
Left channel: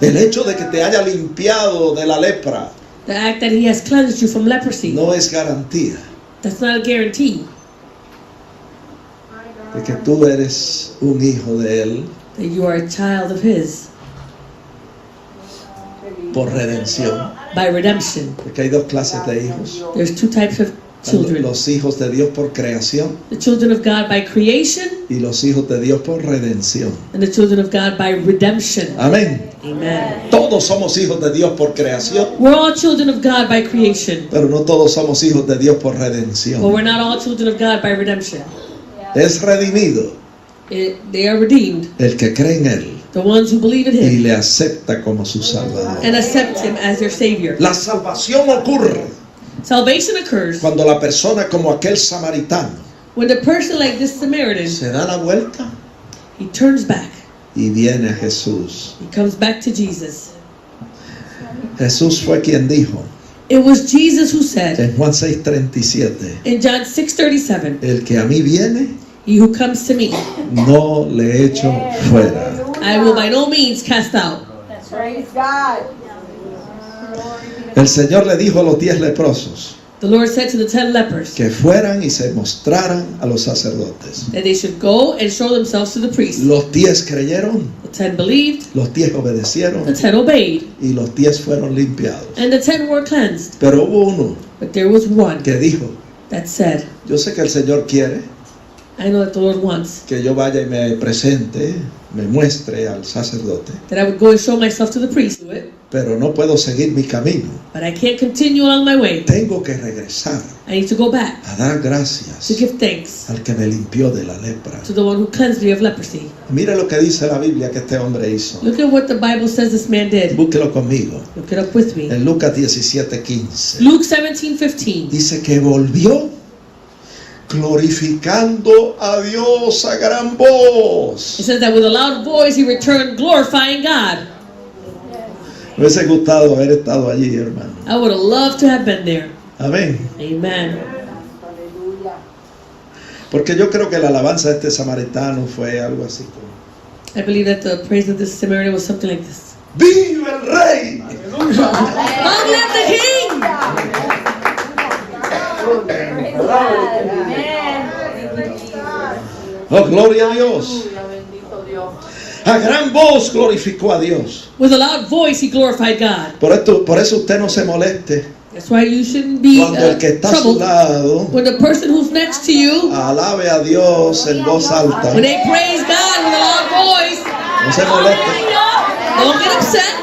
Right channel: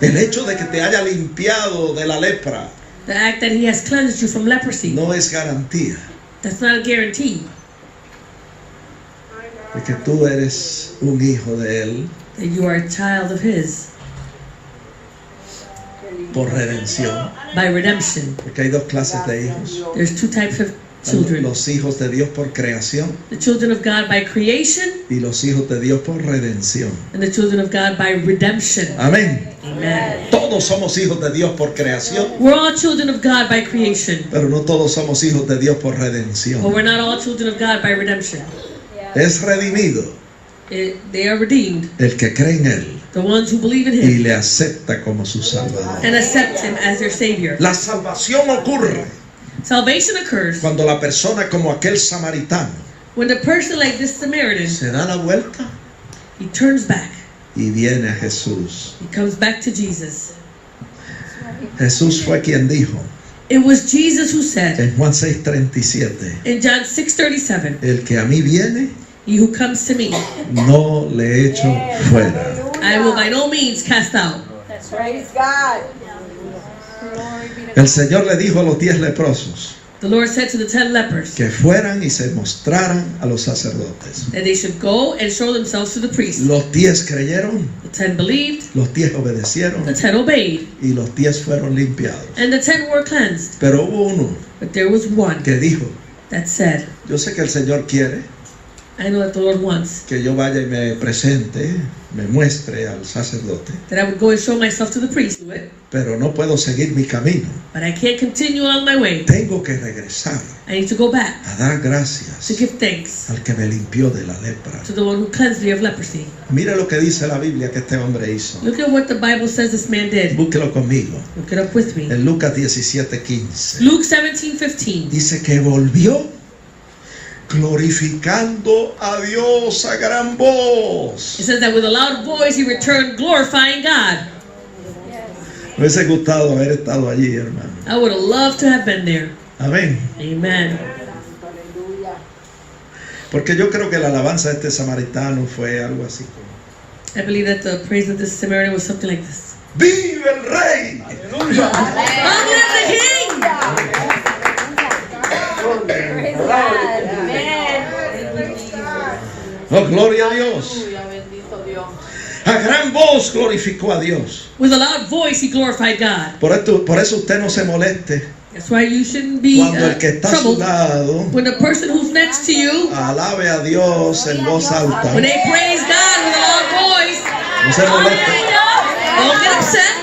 El hecho de que te haya limpiado de la lepra The act that He has cleansed you from leprosy, no es garantía that's not a guarantee de que tú eres un hijo de Él that you are a child of His por redención. by redemption. Porque hay dos clases de hijos. There's two types of children. Los hijos de Dios por creación The children of God by creation y los hijos de Dios por redención. and the children of God by redemption. Amén. Amen. Todos somos hijos de Dios por creación, We're all children of God by creation, pero no todos somos hijos de Dios por but redención. we're not all children of God by redemption. Es redimido They are redeemed, el que cree en Él the ones who believe in y Him le acepta como su Salvador. and accept Him as their Savior. La salvación ocurre Salvation occurs cuando la persona como aquel samaritano when the person like this Samaritan, se da la vuelta he turns back. y viene a Jesús. He comes back to Jesus. Jesús fue quien dijo It was Jesus who said en Juan 6:37, in John 6:37, el que a mí viene, He who comes to me, no le echo fuera. I will by no means cast out. Praise God. El Señor le dijo a los 10 leprosos The Lord said to the 10 lepers que fueran y se mostraran a los sacerdotes. that they should go and show themselves to the priest. Los 10 creyeron, The 10 believed, los 10 obedecieron the 10 obeyed, y los 10 fueron limpiados. and the 10 were cleansed. Pero hubo uno But there was one que dijo, that said, yo sé que el Señor quiere I know that the Lord wants que yo vaya y me presente, me muestre al sacerdote, that I would go and show myself to the priest, pero no puedo seguir mi camino. but I can't continue along my way. Tengo que regresar I need to go back a dar gracias to give thanks al que me limpió de la lepra. to the one who cleansed me of leprosy. Mira lo que dice la Biblia que este hombre hizo. Look at what the Bible says this man did. Búsquelo conmigo. Look it up with me. En Lucas 17:15. Luke 17:15. Dice que volvió glorificando a Dios a gran voz. It says that with a loud voice he returned glorifying God. Me hubiese gustado haber estado allí, hermano. I would have loved to have been there. Amén. Amen. Porque yo creo que la alabanza de este samaritano fue algo así. I believe that the praise of this Samaritan was something like this. ¡Vive el Rey! Long live the King! Praise God. Amen. ¡Oh, gloria a Dios! Bendito Dios. A gran voz glorificó a Dios. With a loud voice he glorified God. Por eso usted no se moleste That's why you shouldn't be cuando el que está a su troubled lado when the person who's next to you, alabe a Dios en voz alta. when they praise God with a loud voice, No se moleste. don't get upset.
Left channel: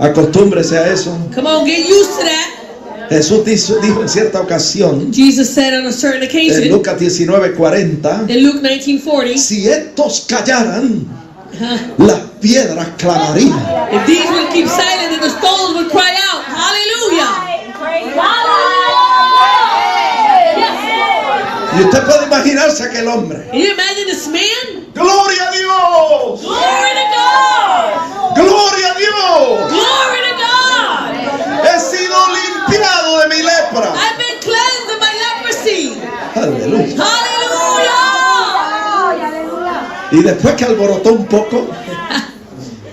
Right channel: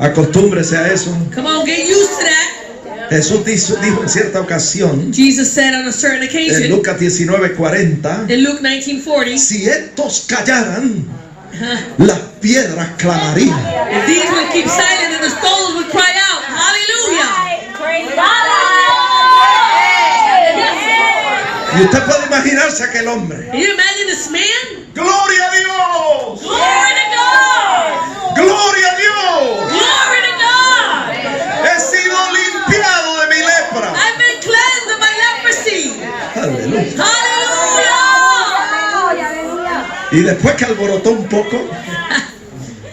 Acostúmbrese a eso. Come on, get used to that. Jesús dijo en cierta ocasión, Jesus said on a certain en occasion, Lucas 19:40, in Luke 19:40, si estos callaran, las piedras clamarían. if these would keep silent, then the stones would cry out, hallelujah. Praise God. Yes, Lord. Y usted puede imaginarse aquel hombre. Can you imagine this man? ¡Gloria a Dios! Glory to God! ¡Gloria a Dios! Glory to God! He sido limpiado de mi lepra. I've been cleansed of my leprosy. Aleluya. Hallelujah! Y después que alborotó un poco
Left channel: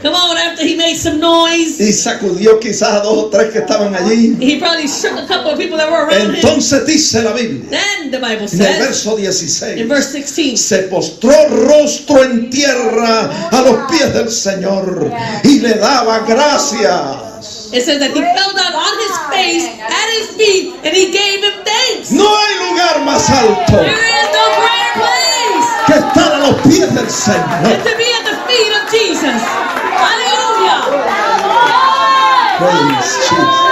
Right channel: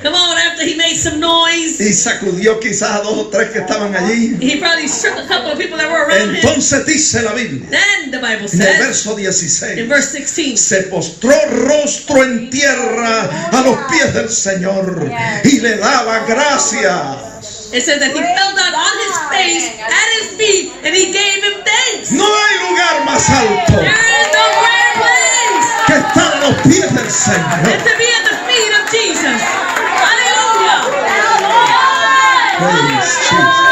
Come on, after he made some noise, y sacudió quizás a 2 o 3 que estaban allí, he probably shook a couple of people that were around him. entonces dice la Biblia, Then the Bible en el says, verso in 16, verse 16, se postró rostro en tierra a los pies del Señor y le daba gracias. it says that he fell down on his face at his feet and he gave him thanks. No hay lugar más alto There is no greater place que estar a los pies del Señor. than to be at the feet of Jesus. Hallelujah! Praise Jesus.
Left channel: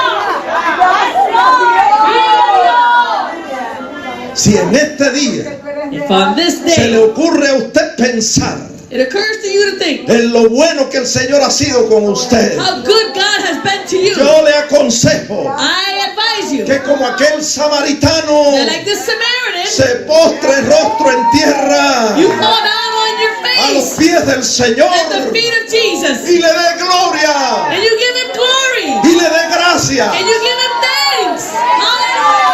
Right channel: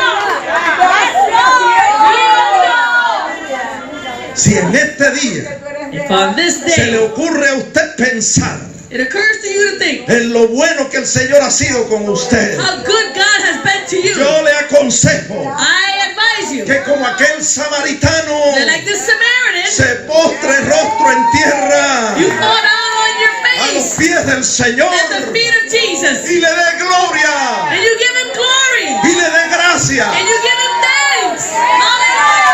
Si en este día If on this se le day ocurre a usted pensar it occurs to you to think en lo bueno que el Señor ha sido con usted, how good God has been to you, yo le aconsejo I advise you que como aquel samaritano that like this Samaritan, se postre rostro en tierra you fall down on your a los face pies del Señor at the feet of Jesus y le dé gloria and you give him glory y le dé gracia. and you give him thanks.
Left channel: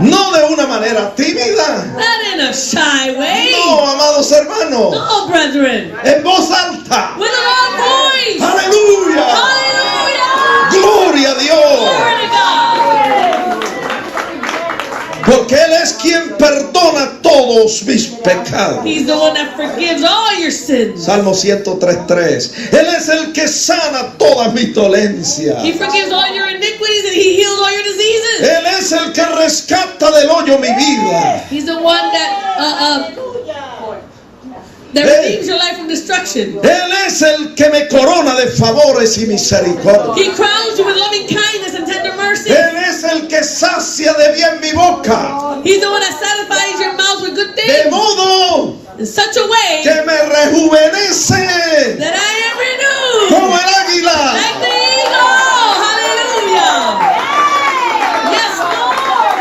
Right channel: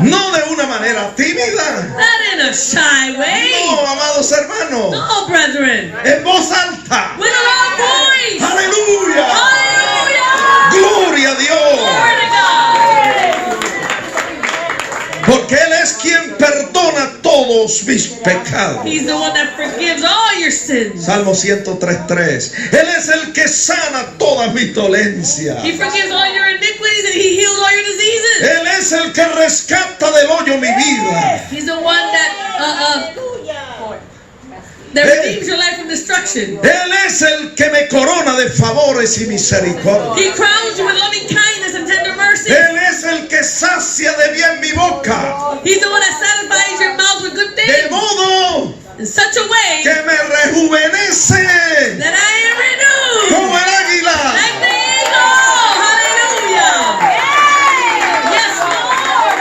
No de una manera tímida, Not in a shy way. no, amados hermanos, No, brethren. en voz alta. With a loud voice. Aleluya, Hallelujah. gloria a Dios, Glory to God. porque Él es quien perdona todos mis pecados. He's the one that forgives all your sins. Salmo 103:3. Él es el que sana todas mis dolencias. He forgives all your iniquities and he heals all your diseases. Él es el que rescata del hoyo mi vida. He's the one that redeems your life from destruction. Él es el que me corona de favores y misericordia. He crowns you with loving kindness and tender mercy. Él es el que sacia de bien mi boca, He's the one that satisfies your mouth with good de things modo in such a way que me rejuvenece that I am renewed como el águila. like the eagle. Hallelujah. Yes, Lord.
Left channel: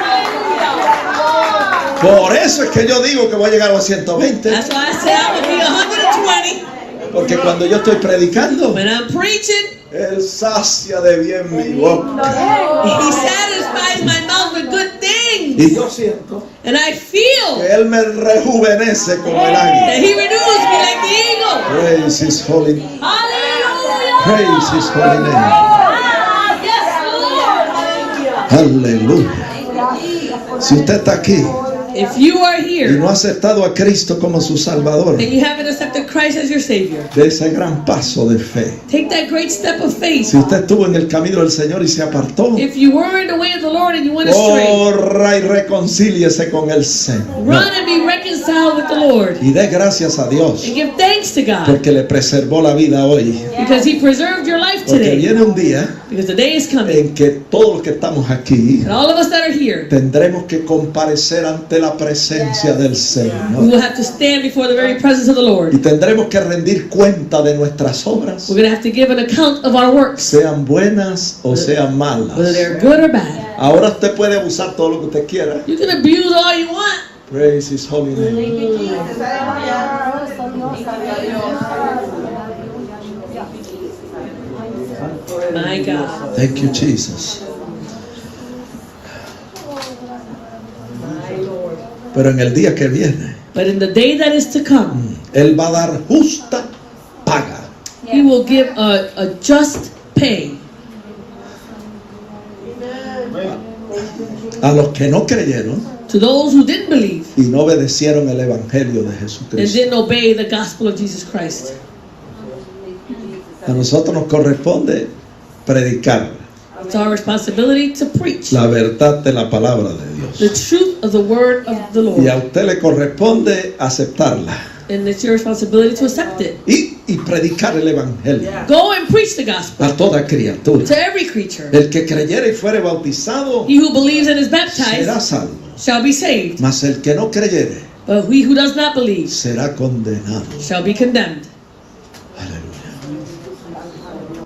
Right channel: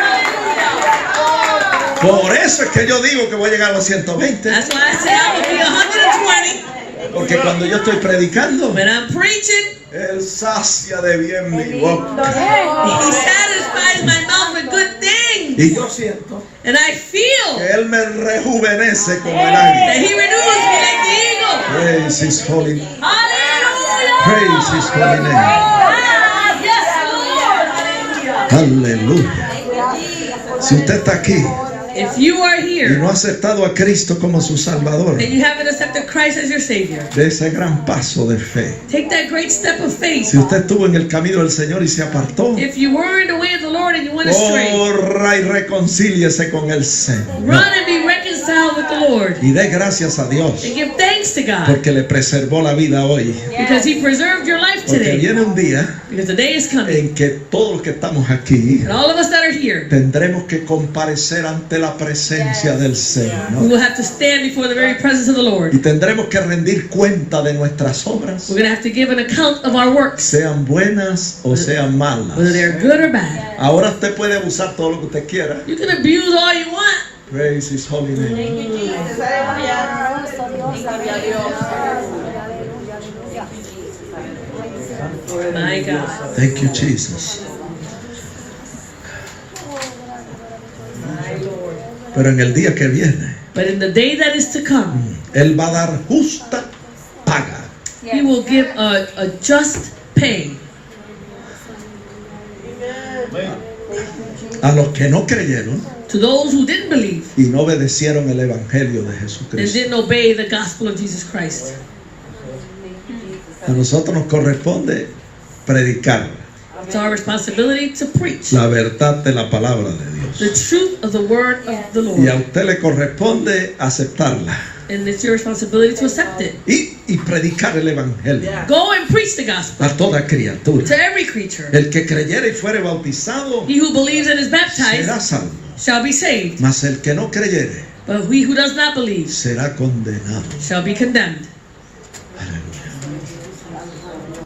Hallelujah. Por eso es que yo digo que voy a llegar a los 120. That's why I say I will be 120 Porque cuando yo estoy predicando, when I'm preaching. Él sacia de bien mi boca. He satisfies my mouth with good things. Y yo siento And I feel que Él me rejuvenece como el águila. that he renews me like the eagle. Praise His holy name. Hallelujah. Praise His holy name. Ah, yes, Lord. Hallelujah. Aleluya. Si usted está aquí If you are y here no ha aceptado a Cristo como su Salvador, and you haven't accepted Christ as your Savior, de ese gran paso de fe. take that great step of faith. Si usted estuvo en el camino del Señor y se apartó, If you were in the way of the Lord and you went astray, corra y reconcíliese con el Señor. run and be reconciled with the Lord. Y dé gracias a Dios And give thanks to God porque le preservó la vida hoy. because He preserved your life Porque today. viene un día Because the day is coming. en que todos los que estamos aquí And all of us that are here, tendremos que comparecer ante la presencia del we Señor. will have to stand before the very presence of the Lord. Y tendremos que rendir cuenta de nuestras obras, We're going to have to give an account of our works, sean buenas o sean malas. whether they're good or bad. Ahora usted puede usar todo lo que usted quiera. You can abuse all you want. Praise His holy name. My God. Thank you, Jesus. Pero en el día que viene, But in the day that is to come, Él va a dar justa paga. He will give a just pay A los que no creyeron to those who didn't believe y no obedecieron el Evangelio de and Jesucristo. didn't obey the gospel of Jesus Christ. A nosotros nos corresponde predicar It's our responsibility to preach la verdad de la palabra de the Dios. truth of the word of the Y a Lord. usted le corresponde aceptarla. And it's your responsibility to accept it. y predicar el evangelio Go and preach the gospel a toda criatura. to every creature. El que creyere y fuere bautizado He who believes and is será baptized salvo, shall be saved, mas el que no creyere but he who does not believe será condenado. shall be condemned. Aleluya.